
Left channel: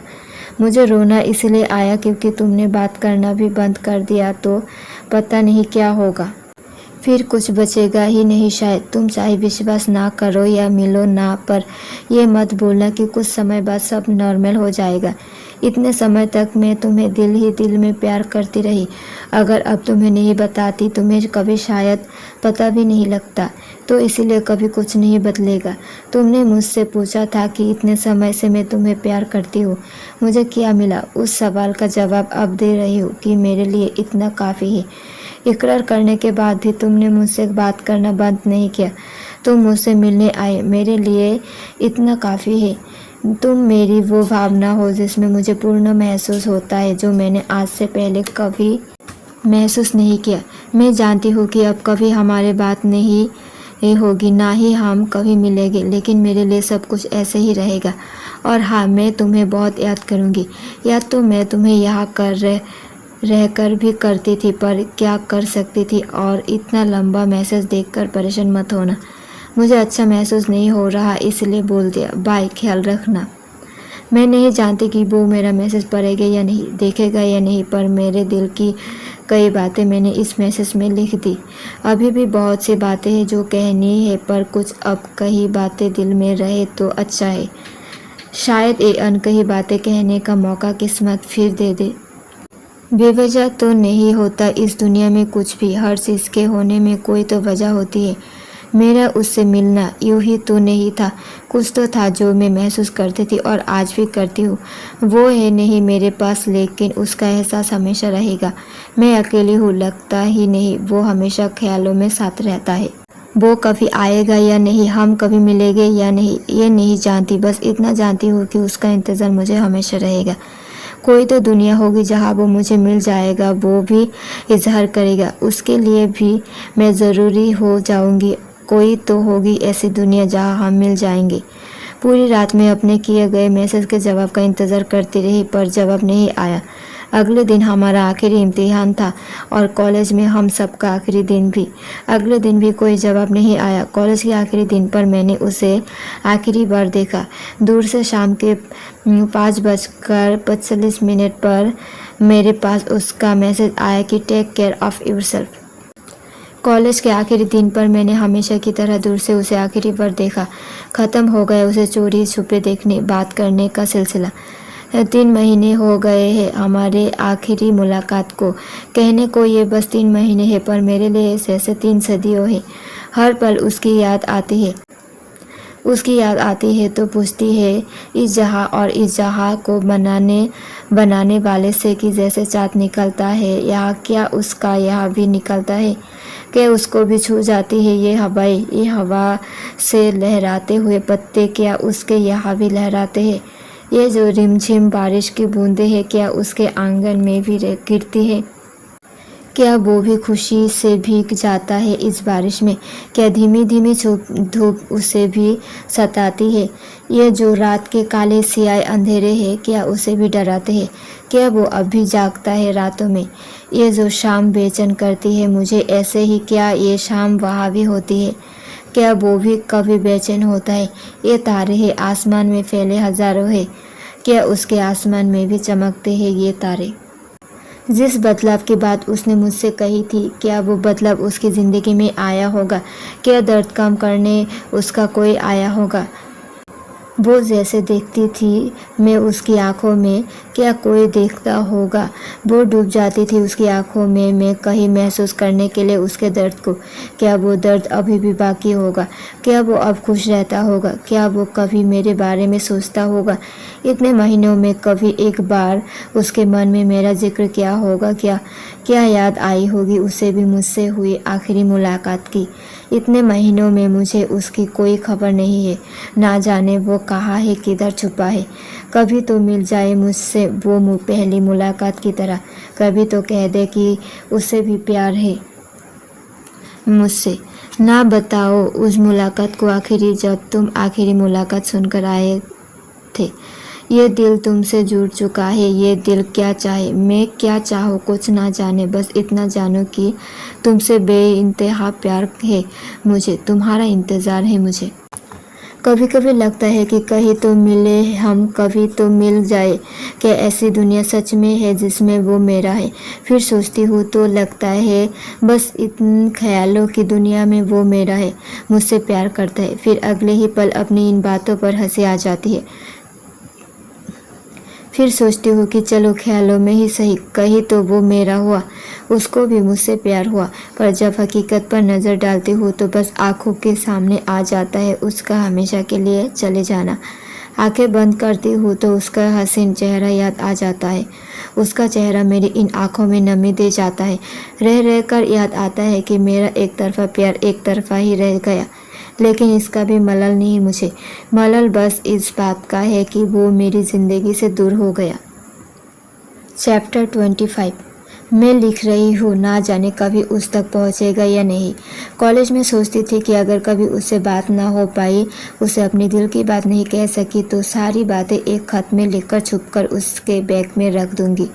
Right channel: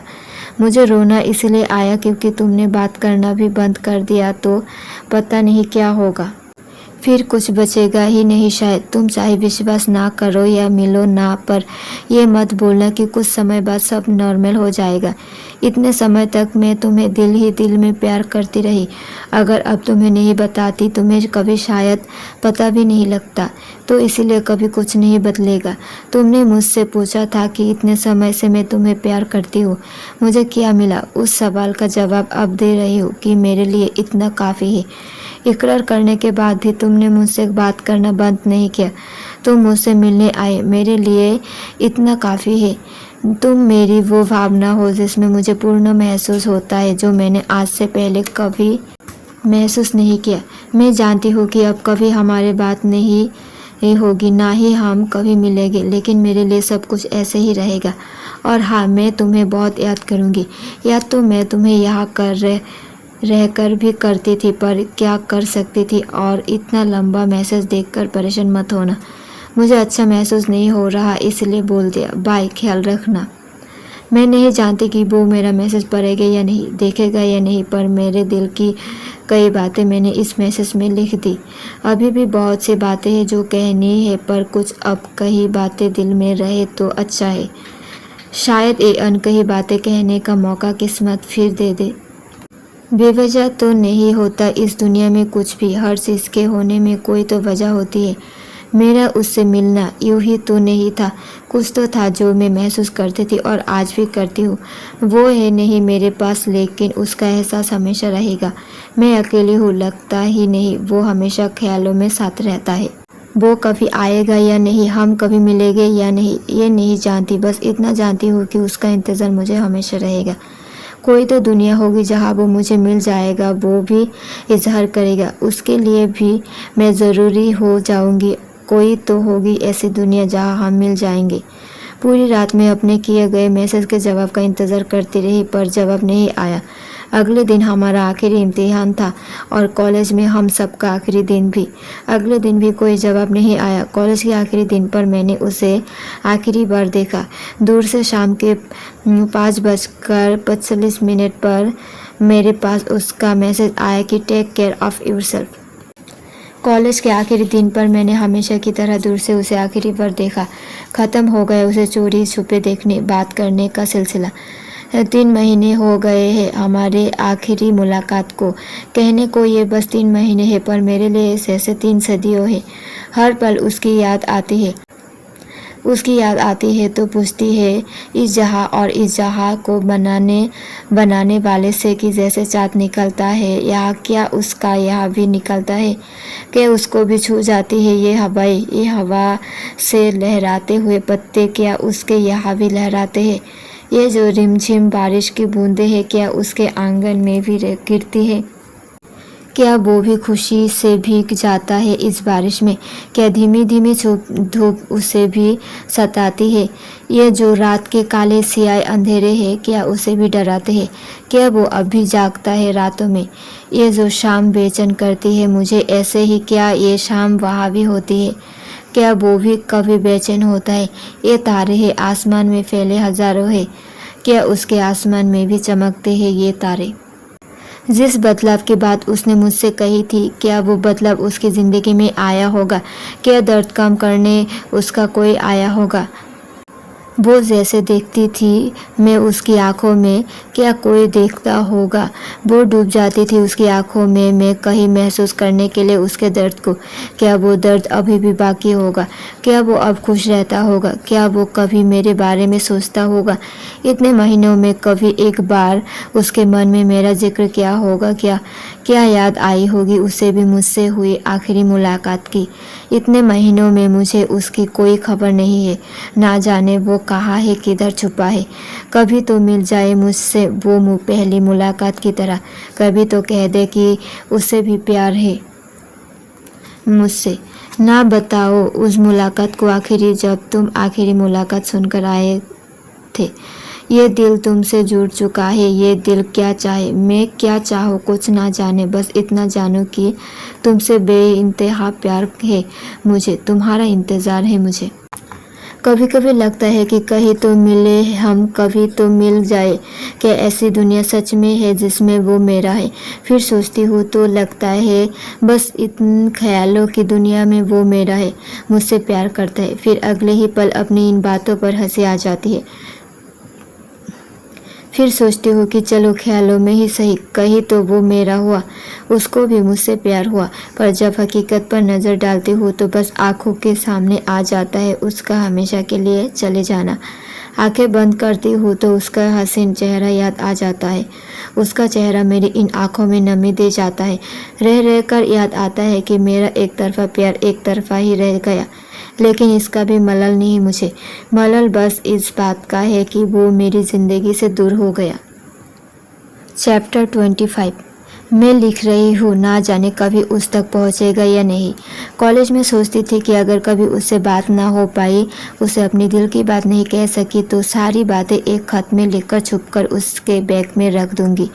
मुझे रोना इसलिए आया क्योंकि तुमने बात करना भी बंद कर दिया तो पता नहीं क्या होगा। फिर कुछ बचेगा ही नहीं शायद। तुम चाहे विश्वास ना करो या मिलो ना, पर यह मत बोलना कि कुछ समय बाद सब नॉर्मल हो जाएगा। इतने समय तक मैं तुम्हें दिल ही दिल में प्यार करती रही। अगर अब तुम्हें नहीं बताती तुम्हें कभी शायद पता भी नहीं लगता, तो इसीलिए कभी कुछ नहीं बदलेगा। तुमने मुझसे पूछा था कि इतने समय से मैं तुम्हें प्यार करती हूँ, मुझे क्या मिला? उस सवाल का जवाब अब दे रही हूँ कि मेरे लिए इतना काफ़ी है। इकरार करने के बाद भी तुमने मुझसे बात करना बंद नहीं किया। तुम मुझसे मिलने आए, मेरे लिए इतना काफ़ी है। तुम मेरी वो भावना हो जिसमें मुझे पूर्ण महसूस होता है, जो मैंने आज से पहले कभी महसूस नहीं किया। मैं जानती हूँ कि अब कभी हमारी बात नहीं होगी, ना ही हम कभी मिलेंगे, लेकिन मेरे लिए सब कुछ ऐसे ही रहेगा। और हाँ, मैं तुम्हें बहुत याद करूँगी। याद तो मैं तुम्हें यहाँ रहकर भी करती थी, पर क्या कर सकती थी। और इतना लंबा मैसेज देखकर परेशान मत होना, मुझे अच्छा महसूस नहीं हो रहा इसलिए बोल दिया। बाय, ख्याल रखना। मैं नहीं जानती कि वो मेरा मैसेज पढ़ेगा या नहीं, देखेगा या नहीं, पर मेरे दिल की कई बातें मैंने इस मैसेज में लिख दी। अभी भी बहुत सी बातें हैं जो कहनी है, पर कुछ अब कई बातें दिल में रहे तो अच्छा है। शायद ये अनकही बातें कहने का मौका किस्मत फिर दे दे। बेवजह तो नहीं होता इस दुनिया में कुछ भी, हर चीज़ के होने में कोई तो वजह होती है। मेरा उससे मिलना यूं ही तो नहीं था, कुछ तो था जो मैं महसूस करती थी और आज भी करती हूँ। वो है नहीं मेरे पास, लेकिन उसका एहसास हमेशा रहेगा। मैं अकेली हूँ लगता ही नहीं, वो हमेशा ख्यालों में साथ रहता है। वो कभी आएगा या नहीं, हम कभी मिलेंगे या नहीं, ये नहीं जानती, बस इतना जानती हूँ कि उसका इंतज़ार मुझे हमेशा रहेगा। कोई तो दुनिया होगी जहाँ वो मुझे मिल जाएगा, वो भी इजहार करेगा, उसके लिए भी मैं ज़रूरी हो जाऊँगी। कोई तो होगी ऐसी दुनिया जहाँ हम मिल जाएंगे। पूरी रात में अपने किए गए मैसेज के जवाब का इंतज़ार करती रही, पर जवाब नहीं आया। अगले दिन हमारा आखिरी इम्तिहान था और कॉलेज में हम सबका आखिरी दिन भी। अगले दिन भी कोई जवाब नहीं आया। कॉलेज के आखिरी दिन पर मैंने उसे आखिरी बार देखा, दूर से। शाम के 5:45 पर मेरे पास उसका मैसेज आया कि take care of yourself. College के आखिरी दिन पर मैंने हमेशा की तरह दूर से उसे आखिरी बार देखा। ख़त्म हो गया उसे चोरी छुपे देखने, बात करने का सिलसिला। 3 महीने हो गए हैं हमारे आखिरी मुलाकात को। कहने को ये बस 3 महीने हैं, पर मेरे लिए जैसे 3 सदियों हैं। हर पल उसकी याद आती है। उसकी याद आती है तो पूछती है इस जहाँ और इस जहाँ को बनाने वाले से कि जैसे चाँद निकलता है यहाँ, क्या उसका यहाँ भी निकलता है? क्या उसको भी छू जाती है ये हवा से लहराते हुए पत्ते, क्या उसके यहाँ भी लहराते हैं? ये जो रिमझिम बारिश की बूंदें हैं, क्या उसके आंगन में भी गिरती है? क्या वो भी खुशी से भीग जाता है इस बारिश में? क्या धीमी धीमी धूप उसे भी सताती है? ये जो रात के काले सियाह अंधेरे हैं, क्या उसे भी डराते हैं? क्या वो अब भी जागता है रातों में? ये जो शाम बेचैन करती है मुझे, ऐसे ही क्या ये शाम वहाँ भी होती है? क्या वो भी कभी बेचैन होता है? ये तारे हैं आसमान में फैले हजारों है, क्या उसके आसमान में भी चमकते हैं ये तारे? जिस बदलाव की बात उसने मुझसे कही थी, क्या वो बदलाव उसकी ज़िंदगी में आया होगा? क्या दर्द कम करने उसका कोई आया होगा? वो जैसे देखती थी मैं उसकी आंखों में, क्या कोई देखता होगा? वो डूब जाती थी उसकी आंखों में मैं कहीं महसूस करने के लिए उसके दर्द को। क्या वो दर्द अभी भी बाकी होगा? क्या वो अब खुश रहता होगा? क्या वो कभी मेरे बारे में सोचता होगा? इतने महीनों में कभी एक बार उसके मन में मेरा जिक्र किया होगा क्या? क्या याद आई होगी उसे भी मुझसे हुई आखिरी मुलाकात की? इतने महीनों में मुझे उसकी कोई खबर नहीं है। ना जाने वो कहाँ है, किधर छुपा है। कभी तो मिल जाए मुझसे वो पहली मुलाकात की तरह। कभी तो कह दे कि उसे भी प्यार है मुझसे। ना बताओ उस मुलाकात को आखिरी, जब तुम आखिरी मुलाकात सुनकर आए थे। ये दिल तुमसे जुड़ चुका है। ये दिल क्या चाहे, मैं क्या चाहूँ कुछ ना जाने, बस इतना जानो कि तुमसे बेइंतहा प्यार है मुझे, तुम्हारा इंतज़ार है मुझे। कभी कभी लगता है कि कहीं तो मिले हम, कभी तो मिल जाए। क्या ऐसी दुनिया सच में है जिसमें वो मेरा है? फिर सोचती हूँ तो लगता है बस इन ख्यालों की दुनिया में वो मेरा है, मुझसे प्यार करता है। फिर अगले ही पल अपनी इन बातों पर हंसी आ जाती है। फिर सोचती हूँ कि चलो ख्यालों में ही सही, कहीं तो वो मेरा हुआ, उसको भी मुझसे प्यार हुआ। पर जब हकीकत पर नज़र डालती हूँ तो बस आँखों के सामने आ जाता है उसका हमेशा के लिए चले जाना। आंखें बंद करती हूँ तो उसका हसीन चेहरा याद आ जाता है। उसका चेहरा मेरी इन आँखों में नमी दे जाता है। रह रह कर याद आता है कि मेरा एक तरफा प्यार एक तरफा ही रह गया। लेकिन इसका भी मलल नहीं मुझे। मलल बस इस बात का है कि वो मेरी ज़िंदगी से दूर हो गया। चैप्टर 25। मैं लिख रही हूँ, ना जाने कभी उस तक पहुँचेगा या नहीं। कॉलेज में सोचती थी कि अगर कभी उससे बात ना हो पाई, उसे अपनी दिल की बात नहीं कह सकी, तो सारी बातें एक खत में लिखकर छुपकर उसके बैग में रख दूँगी।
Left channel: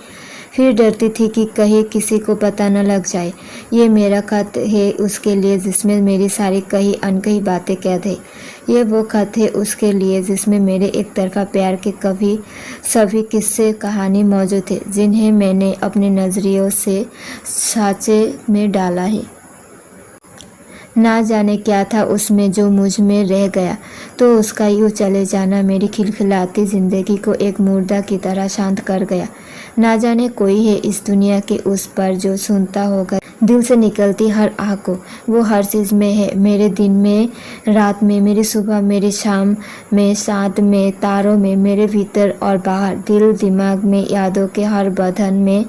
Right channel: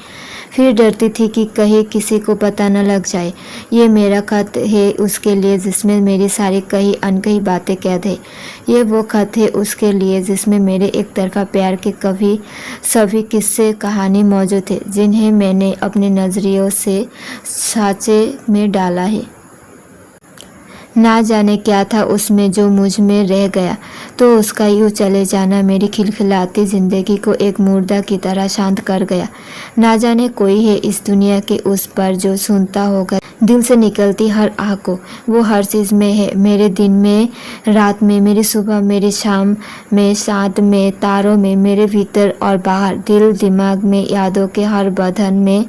फिर डरती थी कि कहीं किसी को पता न लग जाए। ये मेरा खत है उसके लिए जिसमें मेरी सारी कही अनकही बातें कैद है। ये वो खत है उसके लिए जिसमें मेरे एक तरफा प्यार के कभी सभी किस्से कहानी मौजूद है, जिन्हें मैंने अपने नज़रियों से साँचे में डाला है। ना जाने क्या था उसमें जो मुझ में रह गया, तो उसका यूँ चले जाना मेरी खिलखिलाती ज़िंदगी को एक मुर्दा की तरह शांत कर गया। ना जाने कोई है इस दुनिया के उस पर जो सुनता होगा दिल से निकलती हर आह को। वो हर चीज़ में है, मेरे दिन में, रात में, मेरी सुबह, मेरी शाम में, साथ में, तारों में, मेरे भीतर और बाहर, दिल दिमाग में, यादों के हर बदन में,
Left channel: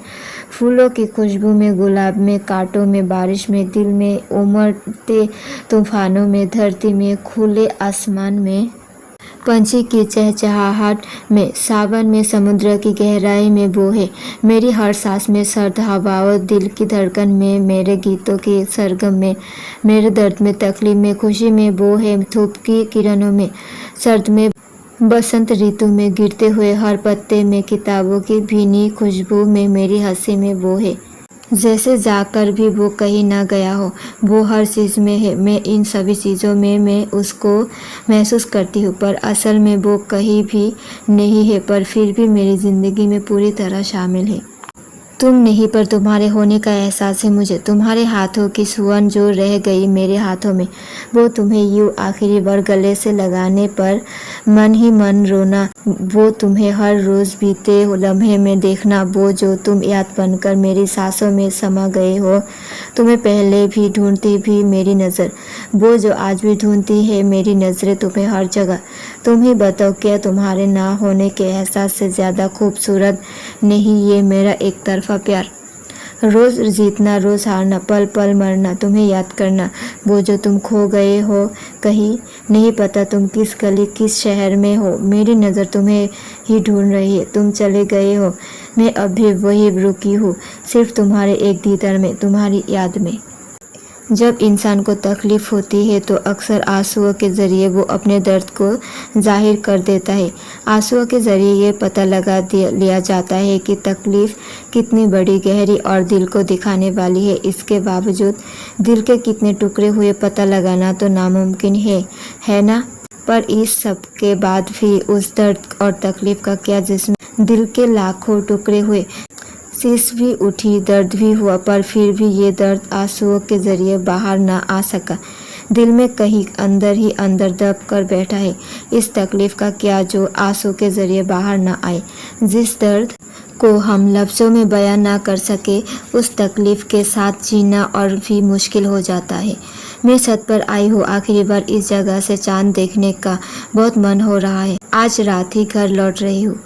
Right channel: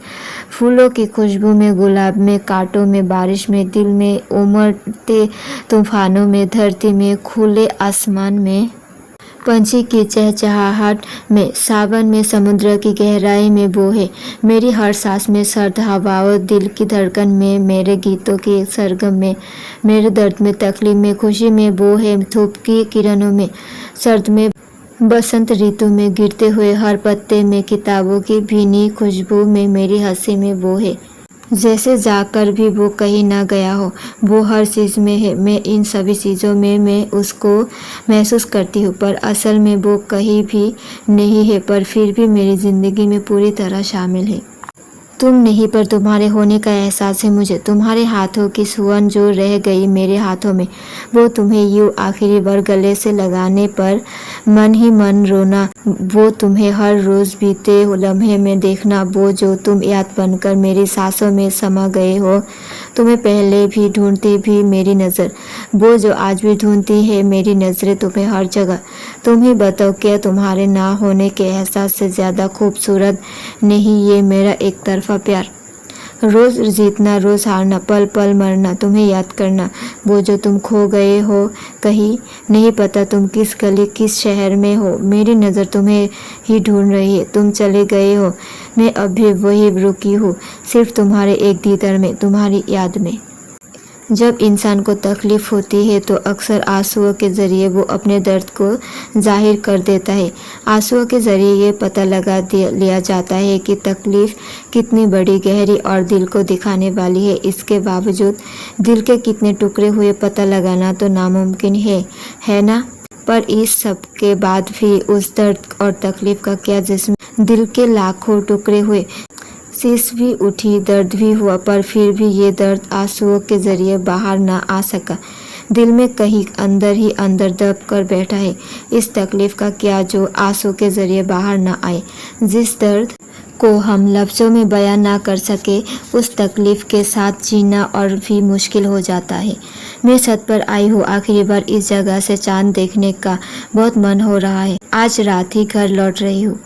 फूलों की खुशबू में, गुलाब में, कांटों में, बारिश में, दिल में, उमड़ते तूफानों में, धरती में, खुले आसमान में, पंछी की चहचहाहट में, सावन में, समुद्र की गहराई में वो है। मेरी हर सांस में, सर्द हवाओं, दिल की धड़कन में, मेरे गीतों के सरगम में, मेरे दर्द में, तकलीफ में, खुशी में वो है। धूप की किरणों में, सर्द में, बसंत ऋतु में, गिरते हुए हर पत्ते में, किताबों की भीनी खुशबू में, मेरी हंसी में वो है। जैसे जाकर भी वो कहीं ना गया हो, वो हर चीज़ में है। मैं इन सभी चीज़ों में मैं उसको महसूस करती हूँ, पर असल में वो कहीं भी नहीं है, पर फिर भी मेरी ज़िंदगी में पूरी तरह शामिल है। तुम नहीं, पर तुम्हारे होने का एहसास है मुझे। तुम्हारे हाथों की सुगंध जो रह गई मेरे हाथों में, वो तुम्हें यूँ आखिरी बार गले से लगाने पर मन ही मन रोना, वो तुम्हें हर रोज़ बीते लम्हे में देखना, वो जो तुम याद बनकर मेरी सांसों में समा गए हो। तुम्हें पहले भी ढूंढती भी मेरी नज़र, वो जो आज भी ढूंढती है मेरी नज़रें तुम्हें हर जगह। तुम ही बताओ, क्या तुम्हारे ना होने के एहसास से ज़्यादा खूबसूरत नहीं ये मेरा एक तरफा प्यार? रोज जीतना, रोज हारना, पल पल मरना, तुम्हें याद करना, वो जो तुम खो गए हो कहीं, नहीं पता तुम किस गली किस शहर में हो, मेरी नज़र तुम्हें ही ढूंढ रही है, तुम चले गए हो, मैं अब भी वही रुकी हूँ, सिर्फ तुम्हारे एक दीदार में, तुम्हारी याद में। जब इंसान को तकलीफ़ होती है तो अक्सर आंसुओं के ज़रिए वो अपने दर्द को जाहिर कर देता है। आंसुओं के ज़रिए ये पता लगा लिया जाता है कि तकलीफ़ कितनी बड़ी, गहरी और दिल को दिखाने वाली है। इसके बावजूद दिल के कितने टुकड़े हुए पता लगाना तो नामुमकिन है ना। पर इस सब के बाद भी उस दर्द और तकलीफ़ का क्या, जिसमें दिल के लाखों टुकड़े हुए, शीश भी उठी, दर्द भी हुआ, पर फिर भी ये दर्द आंसुओं के ज़रिए बाहर ना आ सका, दिल में कहीं अंदर ही अंदर दब कर बैठा है। इस तकलीफ़ का क्या जो आंसू के ज़रिए बाहर ना आए, जिस दर्द को हम लफ्ज़ों में बयान ना कर सके, उस तकलीफ़ के साथ जीना और भी मुश्किल हो जाता है। मैं छत पर आई हूँ, आखिरी बार इस जगह से चाँद देखने का बहुत मन हो रहा है। आज रात ही घर लौट रही हूँ।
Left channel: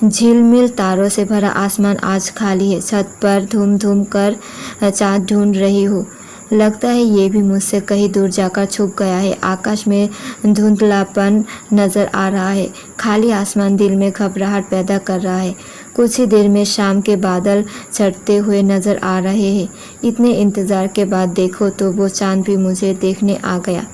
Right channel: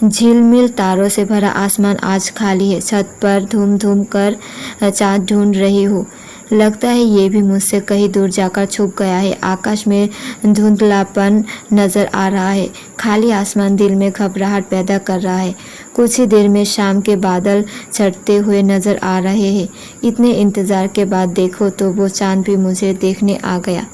झिलमिल तारों से भरा आसमान आज खाली है, छत पर धूम धूम कर चाँद ढूंढ रही हूँ। लगता है ये भी मुझसे कहीं दूर जाकर छुप गया है। आकाश में धुंधलापन नज़र आ रहा है, खाली आसमान दिल में घबराहट पैदा कर रहा है। कुछ ही देर में शाम के बादल छटते हुए नज़र आ रहे हैं। इतने इंतज़ार के बाद देखो तो वो चाँद भी मुझे देखने आ गया।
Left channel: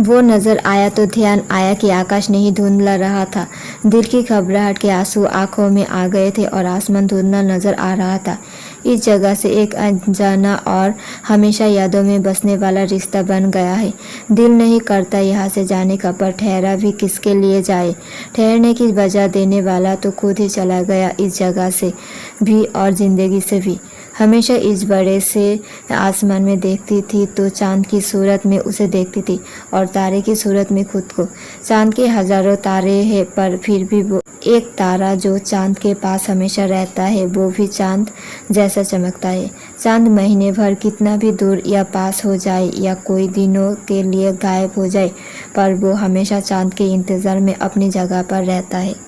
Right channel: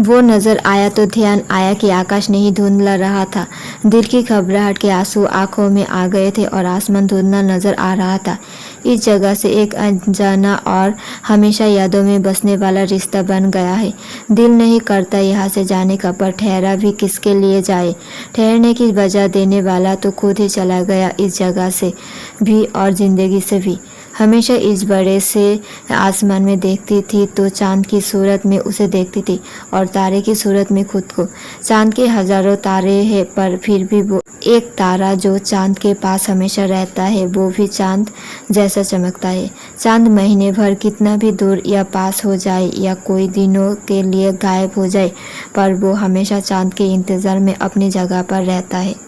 वो नज़र आया तो ध्यान आया कि आकाश नहीं धुंधला रहा था। दिल की घबराहट के आंसू आंखों में आ गए थे और आसमान धुंधला नज़र आ रहा था। इस जगह से एक अनजाना और हमेशा यादों में बसने वाला रिश्ता बन गया है। दिल नहीं करता यहाँ से जाने का, पर ठहरा भी किसके लिए जाए। ठहरने की वजह देने वाला तो खुद ही चला गया, इस जगह से भी और ज़िंदगी से भी। हमेशा इस बड़े से आसमान में देखती थी तो चाँद की सूरत में उसे देखती थी और तारे की सूरत में खुद को। चाँद के हज़ारों तारे हैं, पर फिर भी वो एक तारा जो चाँद के पास हमेशा रहता है, वो भी चाँद जैसा चमकता है। चाँद महीने भर कितना भी दूर या पास हो जाए या कोई दिनों के लिए गायब हो जाए, पर वो हमेशा चाँद के इंतज़ार में अपनी जगह पर रहता है।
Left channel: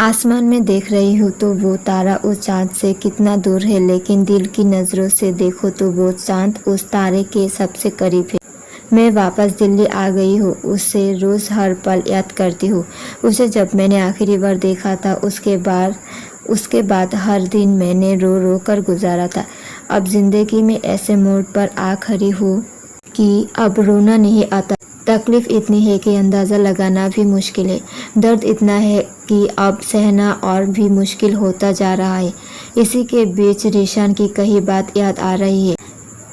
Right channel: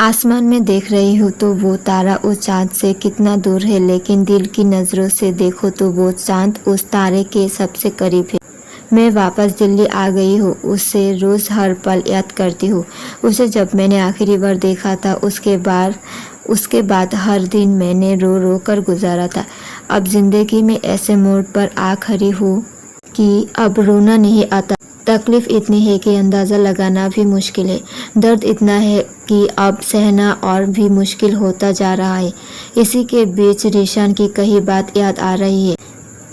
आसमान में देख रही हूँ तो वो तारा उस चाँद से कितना दूर है, लेकिन दिल की नज़रों से देखो तो वो चाँद उस तारे के सबसे करीब है। मैं वापस दिल्ली आ गई हूँ, उसे रोज़ हर पल याद करती हूँ। उसे जब मैंने आखिरी बार देखा था, उसके बाद हर दिन मैंने रो रो कर गुजारा था। अब ज़िंदगी में ऐसे मोड़ पर आ खड़ी हूँ कि अब रोना नहीं आता। तकलीफ़ इतनी है कि अंदाज़ा लगाना भी मुश्किल है। दर्द इतना है कि अब सहना और भी मुश्किल होता जा रहा है। इसी के बीच रीशान की कही बात याद आ रही है।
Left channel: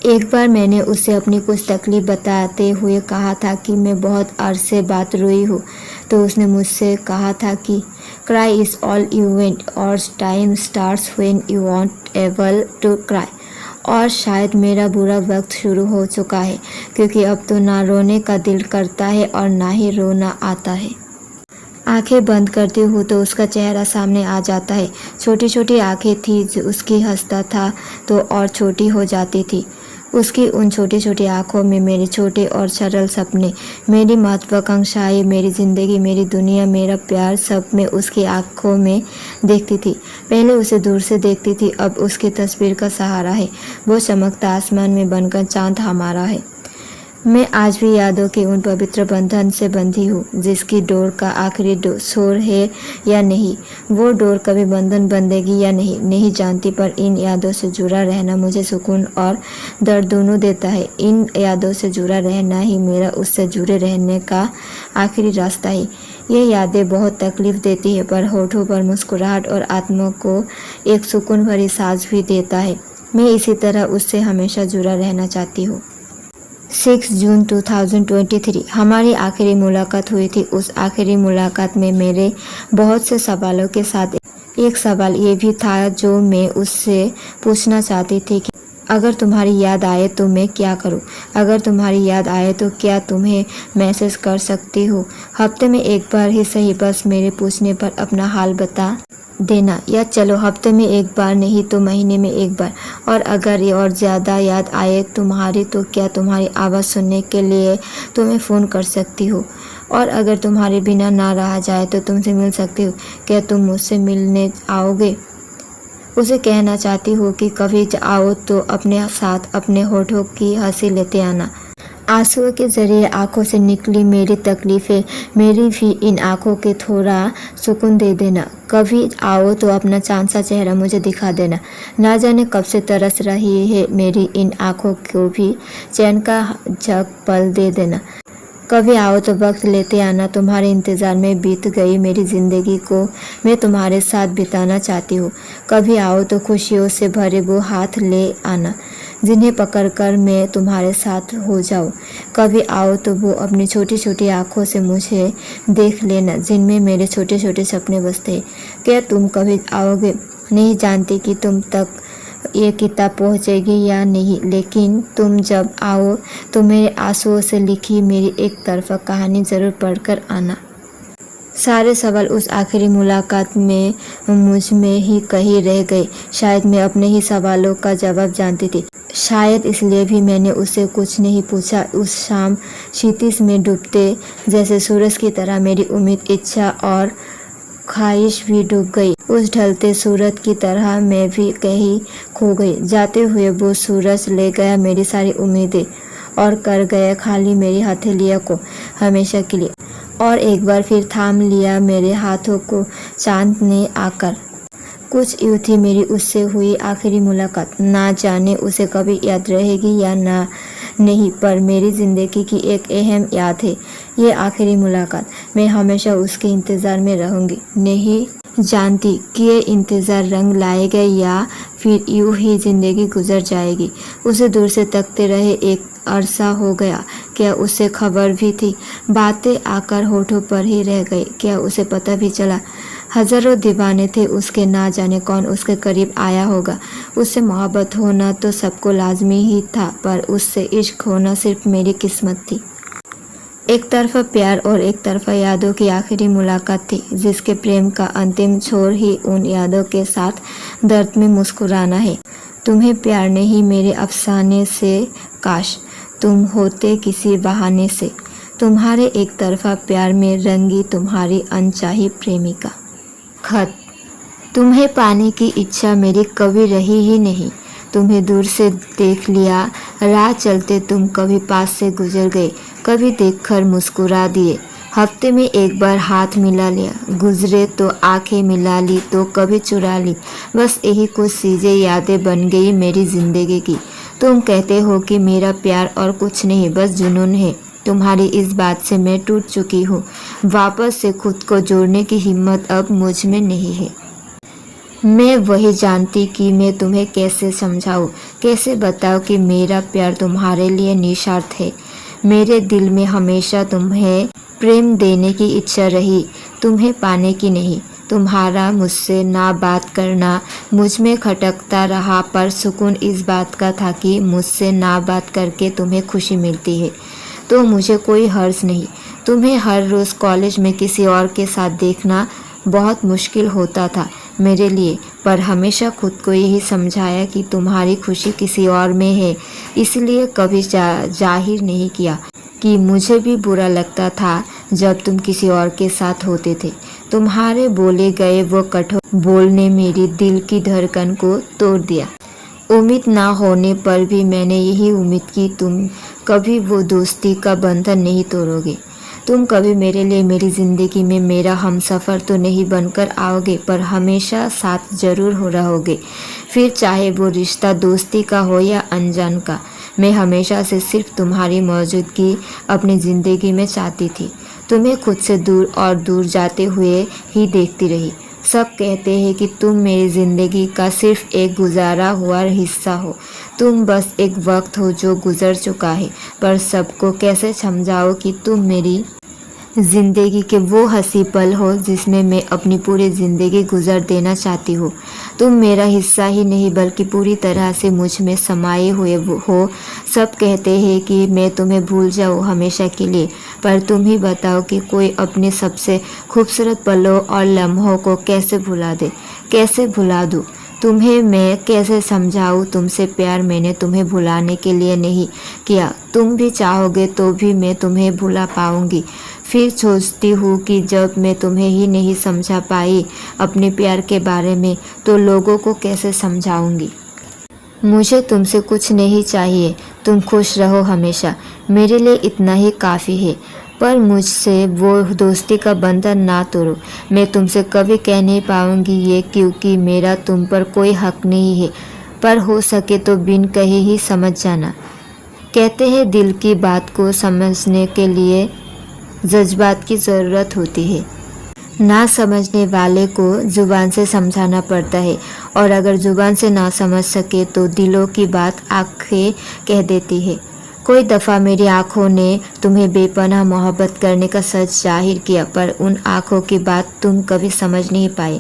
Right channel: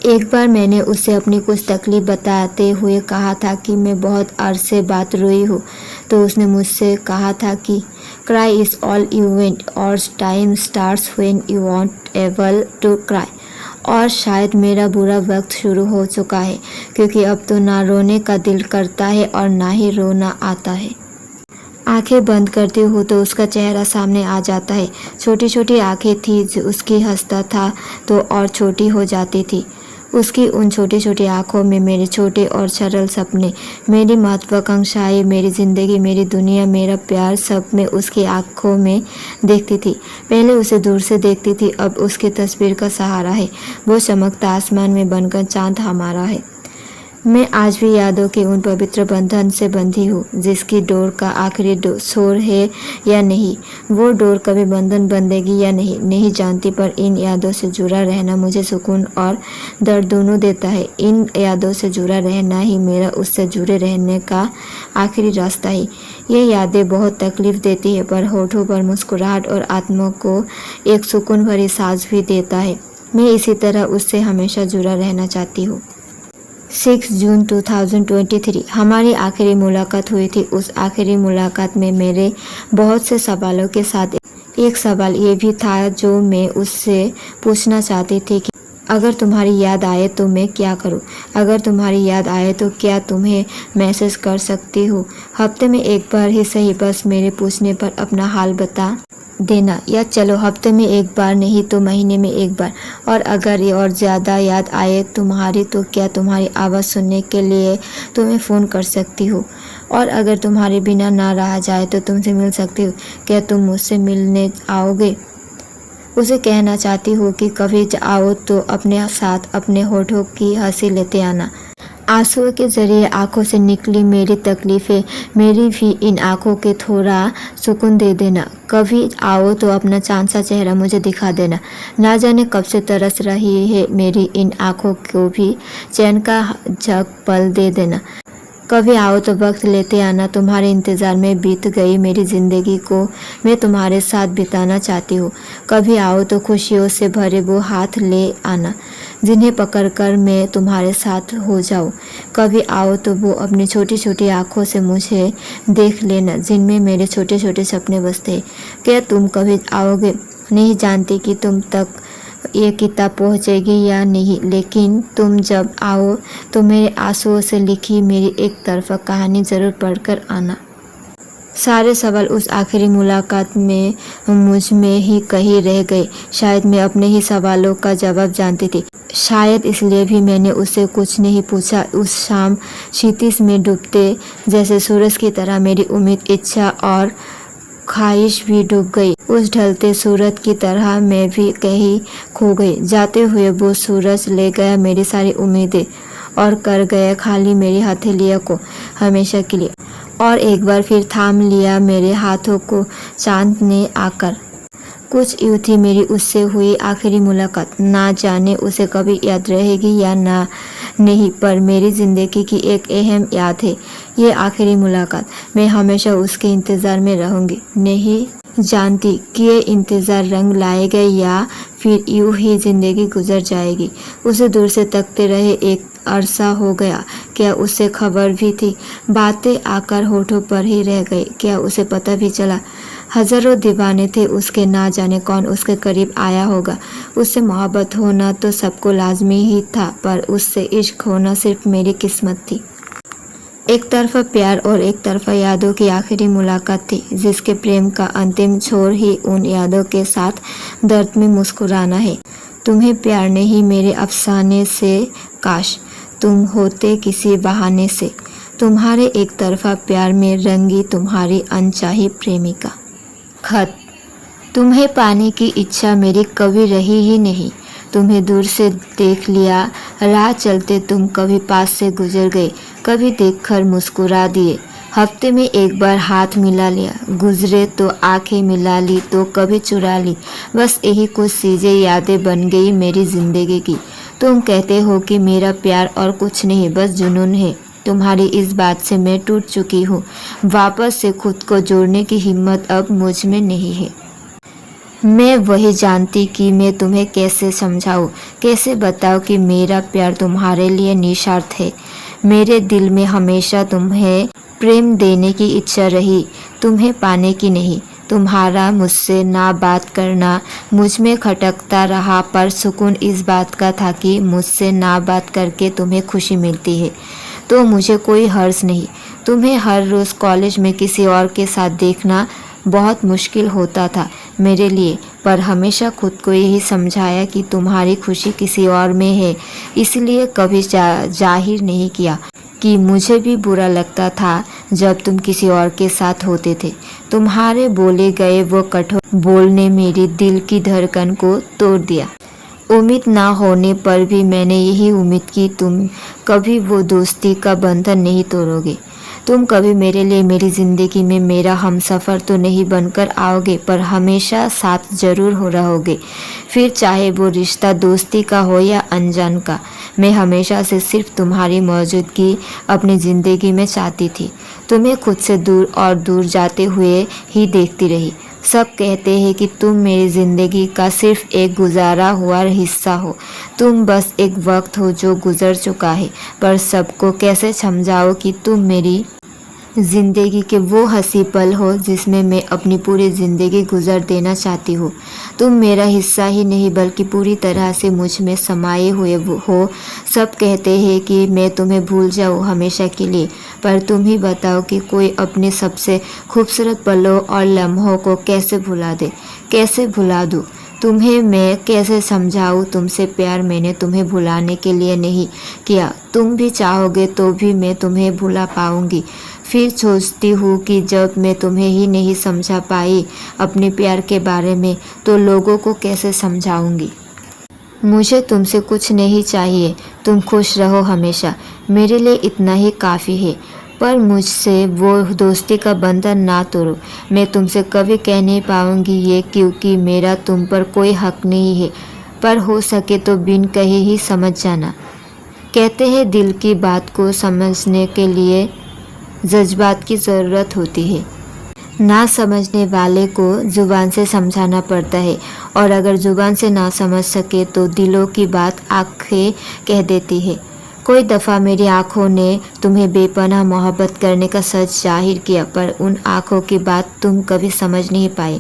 एक बार मैंने उसे अपनी कुछ तकलीफ़ बताते हुए कहा था कि मैं बहुत अरसे बाद रोई हूँ, तो उसने मुझसे कहा था कि cry is all you want और time starts when you want able to cry। और शायद मेरा बुरा वक्त शुरू हो चुका है, क्योंकि अब तो ना रोने का दिल करता है और ना ही रोना आता है। आंखें बंद करती हूँ तो उसका चेहरा सामने आ जाता है। छोटी छोटी आंखें थी, उसकी हंसता था तो और छोटी हो जाती थी। उसकी उन छोटी छोटी आँखों में मेरे छोटे और सरल सपने, मेरी महत्वाकांक्षाएं, मेरी ज़िंदगी, मेरी दुनिया, मेरा प्यार, सब मैं उसकी आँखों में देखती थी। पहले उसे दूर से देखती थी, अब उसकी तस्वीर का सहारा है। वो चमकता आसमान में बनकर चाँद हमारा है। मैं आज भी यादों के उन पवित्र बंधन से बंधी हूँ, जिसकी डोर का आखिरी शोर है या नहीं, वो डोर कभी बंधन बंधेगी या नहीं जानती, पर इन यादों से जुड़ा रहना मुझे सुकून और दर्द दोनों देता है। इन यादों से जुड़ा रहना ही मेरा उससे जुड़े रहने का आखिरी रास्ता है। ये यादें बहुत तकलीफ़ देती है, पर होठों पर मुस्कुराहट और आत्मा को एक सुकून भरी सांस भी देता है। मैं इसी तरह उससे हमेशा जुड़ा रहना चाहती हूँ। 6 जून 2023 हमारी आखिरी मुलाकात हुई थी। उस आखिरी मुलाकात में मेरे बहुत से सवालों के साथ एक सवाल ये भी था जो मैं उससे पूछना चाहती थी कि अगर तुम्हारी याद आए तो मैं क्या करूं? अगर तुम्हारी याद आए तो क्या तुम्हें मैसेज कर सकती हूँ? हफ्ते में एक बार ही सही, बस मेरे पूछने पर अपना हाल बता देना, या चलो हफ्ते में एक बार नहीं तो महीने में एक बार। और अगर ये और ज़्यादा याद आए तुम्हारी तो क्या तुम्हारी आवाज़ सुनने के लिए तुम्हें फ़ोन कर सकती हूँ? और अगर तुम्हारे बिना ना रहा जाए तो तुमसे मिल सकती हूँ, क्या तुम मुझसे मिलने आओगे? उसे कहना चाहती हूँ कि कभी आओ तो अपने साथ अपने होठों की हंसी लेते आना। आंसुओं के जरिए आंखों से निकली मेरी तकलीफ़ें मेरी भी इन आंखों के थोड़ा सुकून दे देना। कभी आओ तो अपना चांद सा चेहरा मुझे दिखा देना। ना जाने कब से तरस रही है मेरी इन आंखों को भी चैन का झक पल दे देना। कभी आओ तो वक्त लेते आना। तुम्हारे इंतज़ार में बीत गई मेरी ज़िंदगी को मैं तुम्हारे साथ बिताना चाहती हूँ। कभी आओ तो खुशियों से भरे वो हाथ ले आना जिन्हें पकड़कर मैं तुम्हारे साथ हो जाऊँ। कभी आओ तो वो अपनी छोटी छोटी आँखों से मुझे देख लेना जिनमें मेरे छोटे छोटे सपने बसते हैं। क्या तुम कभी आओगे? नहीं जानती कि तुम तक ये किताब पहुँचेगी या नहीं, लेकिन तुम जब आओ तो मेरे आंसुओं से लिखी मेरी एक तरफा कहानी ज़रूर पढ़कर आना। सारे सवाल उस आखिरी मुलाकात में मुझ में ही कहीं रह गए। शायद मैं अपने ही सवालों का जवाब जानती थी। शायद इसलिए भी मैंने उससे कुछ नहीं पूछा। उस शाम क्षितिज में डूबते जैसे सूरज की तरह मेरी उम्मीद, इच्छा और ख्वाहिश भी डूब गई। उस ढलते सूरज की तरह मैं भी कहीं खो गई। जाते हुए वो सूरज ले गया मेरी सारी उम्मीदें और कर गया खाली मेरी हथेलियों को हमेशा के लिए। और एक बार फिर थाम लिया मेरे हाथों को चांद ने आकर। कुछ यूँ थी मेरी उससे हुई आखिरी मुलाकात। ना जाने उसे कभी याद रहेगी या ना नहीं, पर मेरी ज़िंदगी की एक अहम याद है ये आखिरी मुलाकात। मैं हमेशा उसके इंतज़ार में रहूँगी। नहीं जानती कि ये इंतज़ार रंग लाएगा या फिर यूँ ही ज़िंदगी गुजर जाएगी। उसे दूर से तकते रहे एक अरसा हो गया। क्या उसे खबर भी थी? बातें आकर होठों पर ही रह गई। क्या उसे पता भी चला? हज़ारों दीवाने थे उसके, ना जाने कौन उसके करीब आया होगा। उससे मोहब्बत होना तो सबको लाजमी ही था, पर उससे इश्क होना सिर्फ मेरी किस्मत थी। एक तरफा प्यार और एक तरफा यादों की आखिरी मुलाकात थी, जिसके प्रेम का अंतिम छोर ही उन यादों के साथ दर्द में मुस्कुराना है। तुम्हें प्यार नहीं मेरे अफसाने से, काश तुम होते किसी बहाने से। तुम्हारे एक तरफा प्यार में रंगी तुम्हारी अनचाही प्रेमिका। खत। तुम्हें पाने की इच्छा मेरी कभी रही ही नहीं। तुम्हें दूर से देख लिया, राह चलते तुम कभी पास से गुजर गए, कभी देखकर मुस्कुरा दिए। हफ्ते में एक बार हाथ मिला लिया, गुजरे तो आंखें मिला ली, तो कभी चुरा ली। बस यही कुछ चीज़ें यादें बन गई मेरी ज़िंदगी की। तुम कहते हो कि मेरा प्यार और कुछ नहीं, बस जुनून है। तुम्हारी इस बात से मैं टूट चुकी हूँ। वापस से खुद को जोड़ने की हिम्मत अब मुझ में नहीं है। मैं वही जानती कि मैं तुम्हें कैसे समझाऊँ, कैसे बताऊँ कि मेरा प्यार तुम्हारे लिए निस्वार्थ है। मेरे दिल में हमेशा तुम्हें प्रेम देने की इच्छा रही, तुम्हें पाने की नहीं। तुम्हारा मुझसे ना बात करना मुझ में खटकता रहा, पर सुकून इस बात का था कि मुझसे ना बात करके तुम्हें खुशी मिलती है, तो मुझे कोई हर्ज नहीं। तुम्हें हर रोज़ कॉलेज में किसी और के साथ देखना बहुत मुश्किल होता था मेरे लिए, पर हमेशा खुद को यही समझाया कि तुम्हारी खुशी किसी और में है, इसलिए कभी जाहिर नहीं किया कि मुझे भी बुरा लगता था जब तुम किसी और के साथ होते थे। तुम्हारे बोले गए वो कठोर बोल ने मेरी दिल की धड़कन को तोड़ दिया। उम्मीद ना होने पर भी मैंने यही उम्मीद की तुम कभी वो दोस्ती का बंधन नहीं तोड़ोगे। तुम कभी मेरे लिए मेरी ज़िंदगी में मेरा हमसफ़र तो नहीं बनकर आओगे, पर हमेशा साथ ज़रूर हो रहोगे। फिर चाहे वो रिश्ता दोस्ती का हो या अनजान का, मैं हमेशा से सिर्फ तुम्हारी मौजूदगी अपनी ज़िंदगी में चाहती थी। तुम्हें खुद से दूर और दूर जाते हुए ही देखती रही। सब कहते हैं कि तुम मेरी ज़िंदगी का सिर्फ एक गुजारा हुआ हिस्सा हो, तुम बस एक वक्त हो जो गुजर चुका है, पर सबको कैसे समझाओ कि तुम मेरी ज़िंदगी के वो हंसी पल हो जिसमें मैं अपनी पूरी ज़िंदगी गुजार देना चाहती हूँ। तुम मेरा हिस्सा ही नहीं बल्कि पूरी तरह से मुझ में समाये हुए हो। सब कहते हैं कि मैं तुम्हें भूल जाऊँ हमेशा के लिए, पर तुम ही बताओ कि कोई अपने सबसे खूबसूरत पलों और लम्हों को कैसे भुला दे, कैसे भुला दूँ। तुम्हें मैं कैसे समझाऊँ तुमसे प्यार मैंने तुम्हें भुलाने के लिए नहीं किया। तुम भी चाहोगे तो भी मैं तुम्हें भुला पाऊँगी। फिर सोचती हूँ कि जब मैं तुम्हें ही नहीं समझा पाई अपने प्यार के बारे में तो लोगों को कैसे समझाऊंगी। मुझे तुमसे कुछ नहीं चाहिए, तुम खुश रहो हमेशा, मेरे लिए इतना ही काफ़ी है। पर मुझसे वो दोस्ती का बंधन ना तोड़ो। मैं तुमसे कभी कह नहीं पाऊंगी ये, क्योंकि मेरा तुम पर कोई हक नहीं है, पर हो सके तो बिन कहे ही समझ जाना। कहते हैं दिल की बात को समझने के लिए जज्बात की ज़रूरत होती है। ना समझने वाले को ज़ुबान से समझाना पड़ता है, और अगर ज़ुबान से ना समझ सके तो दिलों की बात आँखें कह देती है। कोई दफ़ा मेरी आँखों ने तुम्हें बेपनाह मोहब्बत करने का सच जाहिर किया, पर उन आँखों की बात तुम कभी समझ नहीं पाई।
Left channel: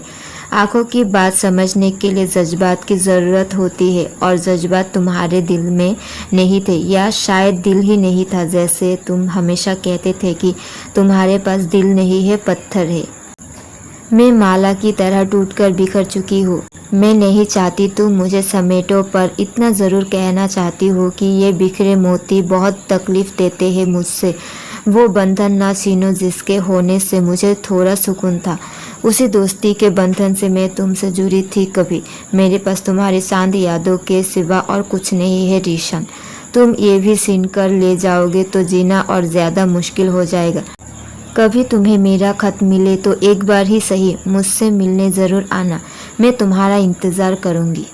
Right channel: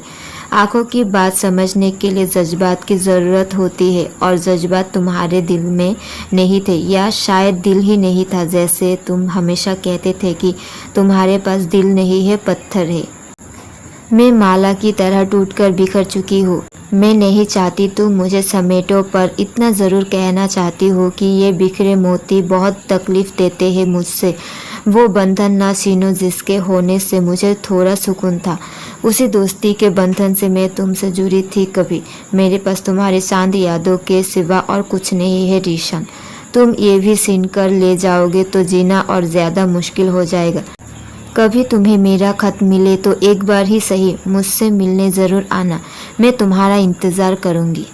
आँखों की बात समझने के लिए जज्बात की ज़रूरत होती है, और जज्बात तुम्हारे दिल में नहीं थे, या शायद दिल ही नहीं था। जैसे तुम हमेशा कहते थे कि तुम्हारे पास दिल नहीं है, पत्थर है। मैं माला की तरह टूटकर बिखर चुकी हूँ। मैं नहीं चाहती तुम मुझे समेटो, पर इतना ज़रूर कहना चाहती हूँ कि ये बिखरे मोती बहुत तकलीफ़ देते हैं मुझसे। वो बंधन ना छीनो जिसके होने से मुझे थोड़ा सुकून था। उसी दोस्ती के बंधन से मैं तुमसे जुड़ी थी कभी। मेरे पास तुम्हारी चांद यादों के सिवा और कुछ नहीं है रीशन। तुम ये भी छीन कर ले जाओगे तो जीना और ज़्यादा मुश्किल हो जाएगा। कभी तुम्हें मेरा खत मिले तो एक बार ही सही मुझसे मिलने ज़रूर आना, मैं तुम्हारा इंतज़ार करूँगी।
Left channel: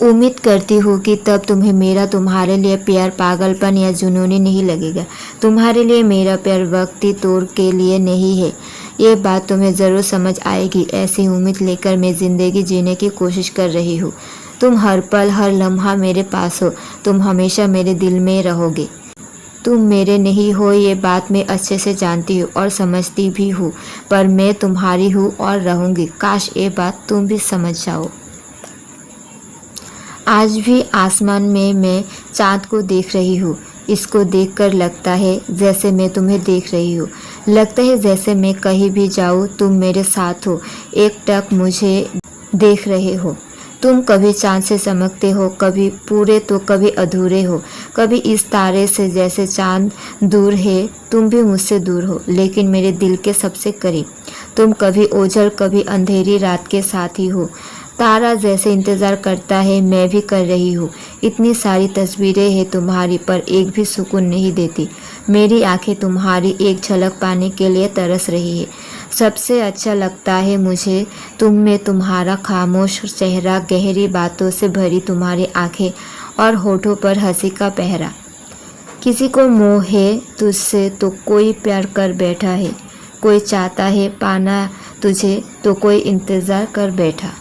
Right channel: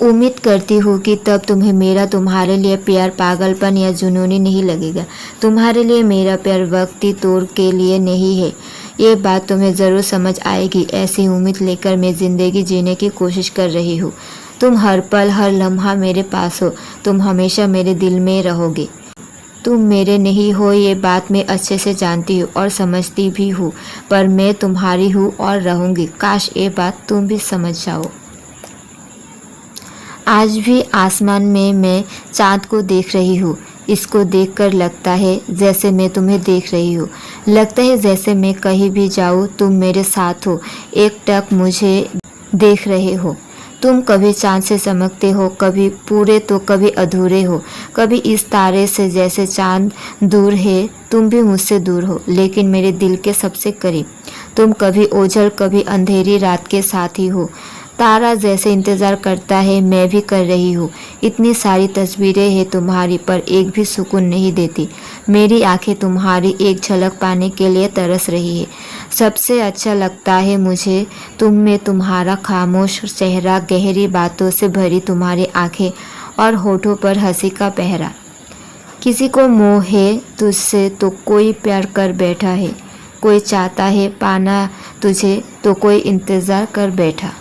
उम्मीद करती हूँ कि तब तुम्हें मेरा तुम्हारे लिए प्यार पागलपन या जुनूनी नहीं लगेगा। तुम्हारे लिए मेरा प्यार वक्ती तौर के लिए नहीं है, ये बात तुम्हें ज़रूर समझ आएगी। ऐसी उम्मीद लेकर मैं ज़िंदगी जीने की कोशिश कर रही हूँ। तुम हर पल हर लम्हा मेरे पास हो, तुम हमेशा मेरे दिल में रहोगे। तुम मेरे नहीं हो ये बात मैं अच्छे से जानती हूँ और समझती भी हूँ, पर मैं तुम्हारी हूँ और रहूँगी। काश ये बात तुम भी समझ जाओ। आज भी आसमान में मैं चाँद को देख रही हूँ। इसको देखकर लगता है जैसे मैं तुम्हें देख रही हूँ। लगता है जैसे मैं कहीं भी जाऊँ तुम मेरे साथ हो, एकटक मुझे देख रहे हो। तुम कभी चाँद से चमकते हो, कभी पूरे तो कभी अधूरे हो। कभी इस तारे से जैसे चाँद दूर है, तुम भी मुझसे दूर हो, लेकिन मेरे दिल के सबसे करीब। तुम कभी ओझल कभी अंधेरी रात के साथी हो। तारा जैसे इंतज़ार करता है मैं भी कर रही हूँ। इतनी सारी तस्वीरें हैं तुम्हारी, पर एक भी सुकून नहीं देती। मेरी आंखें तुम्हारी एक झलक पाने के लिए तरस रही है। सबसे अच्छा लगता है मुझे तुम में तुम्हारा खामोश चेहरा, गहरी बातों से भरी तुम्हारी आंखें और होठों पर हंसी का पहरा। किसी को मोह है तुझसे तो कोई प्यार कर बैठा है, कोई चाहता है पाना तुझे तो कोई इंतज़ार कर बैठा।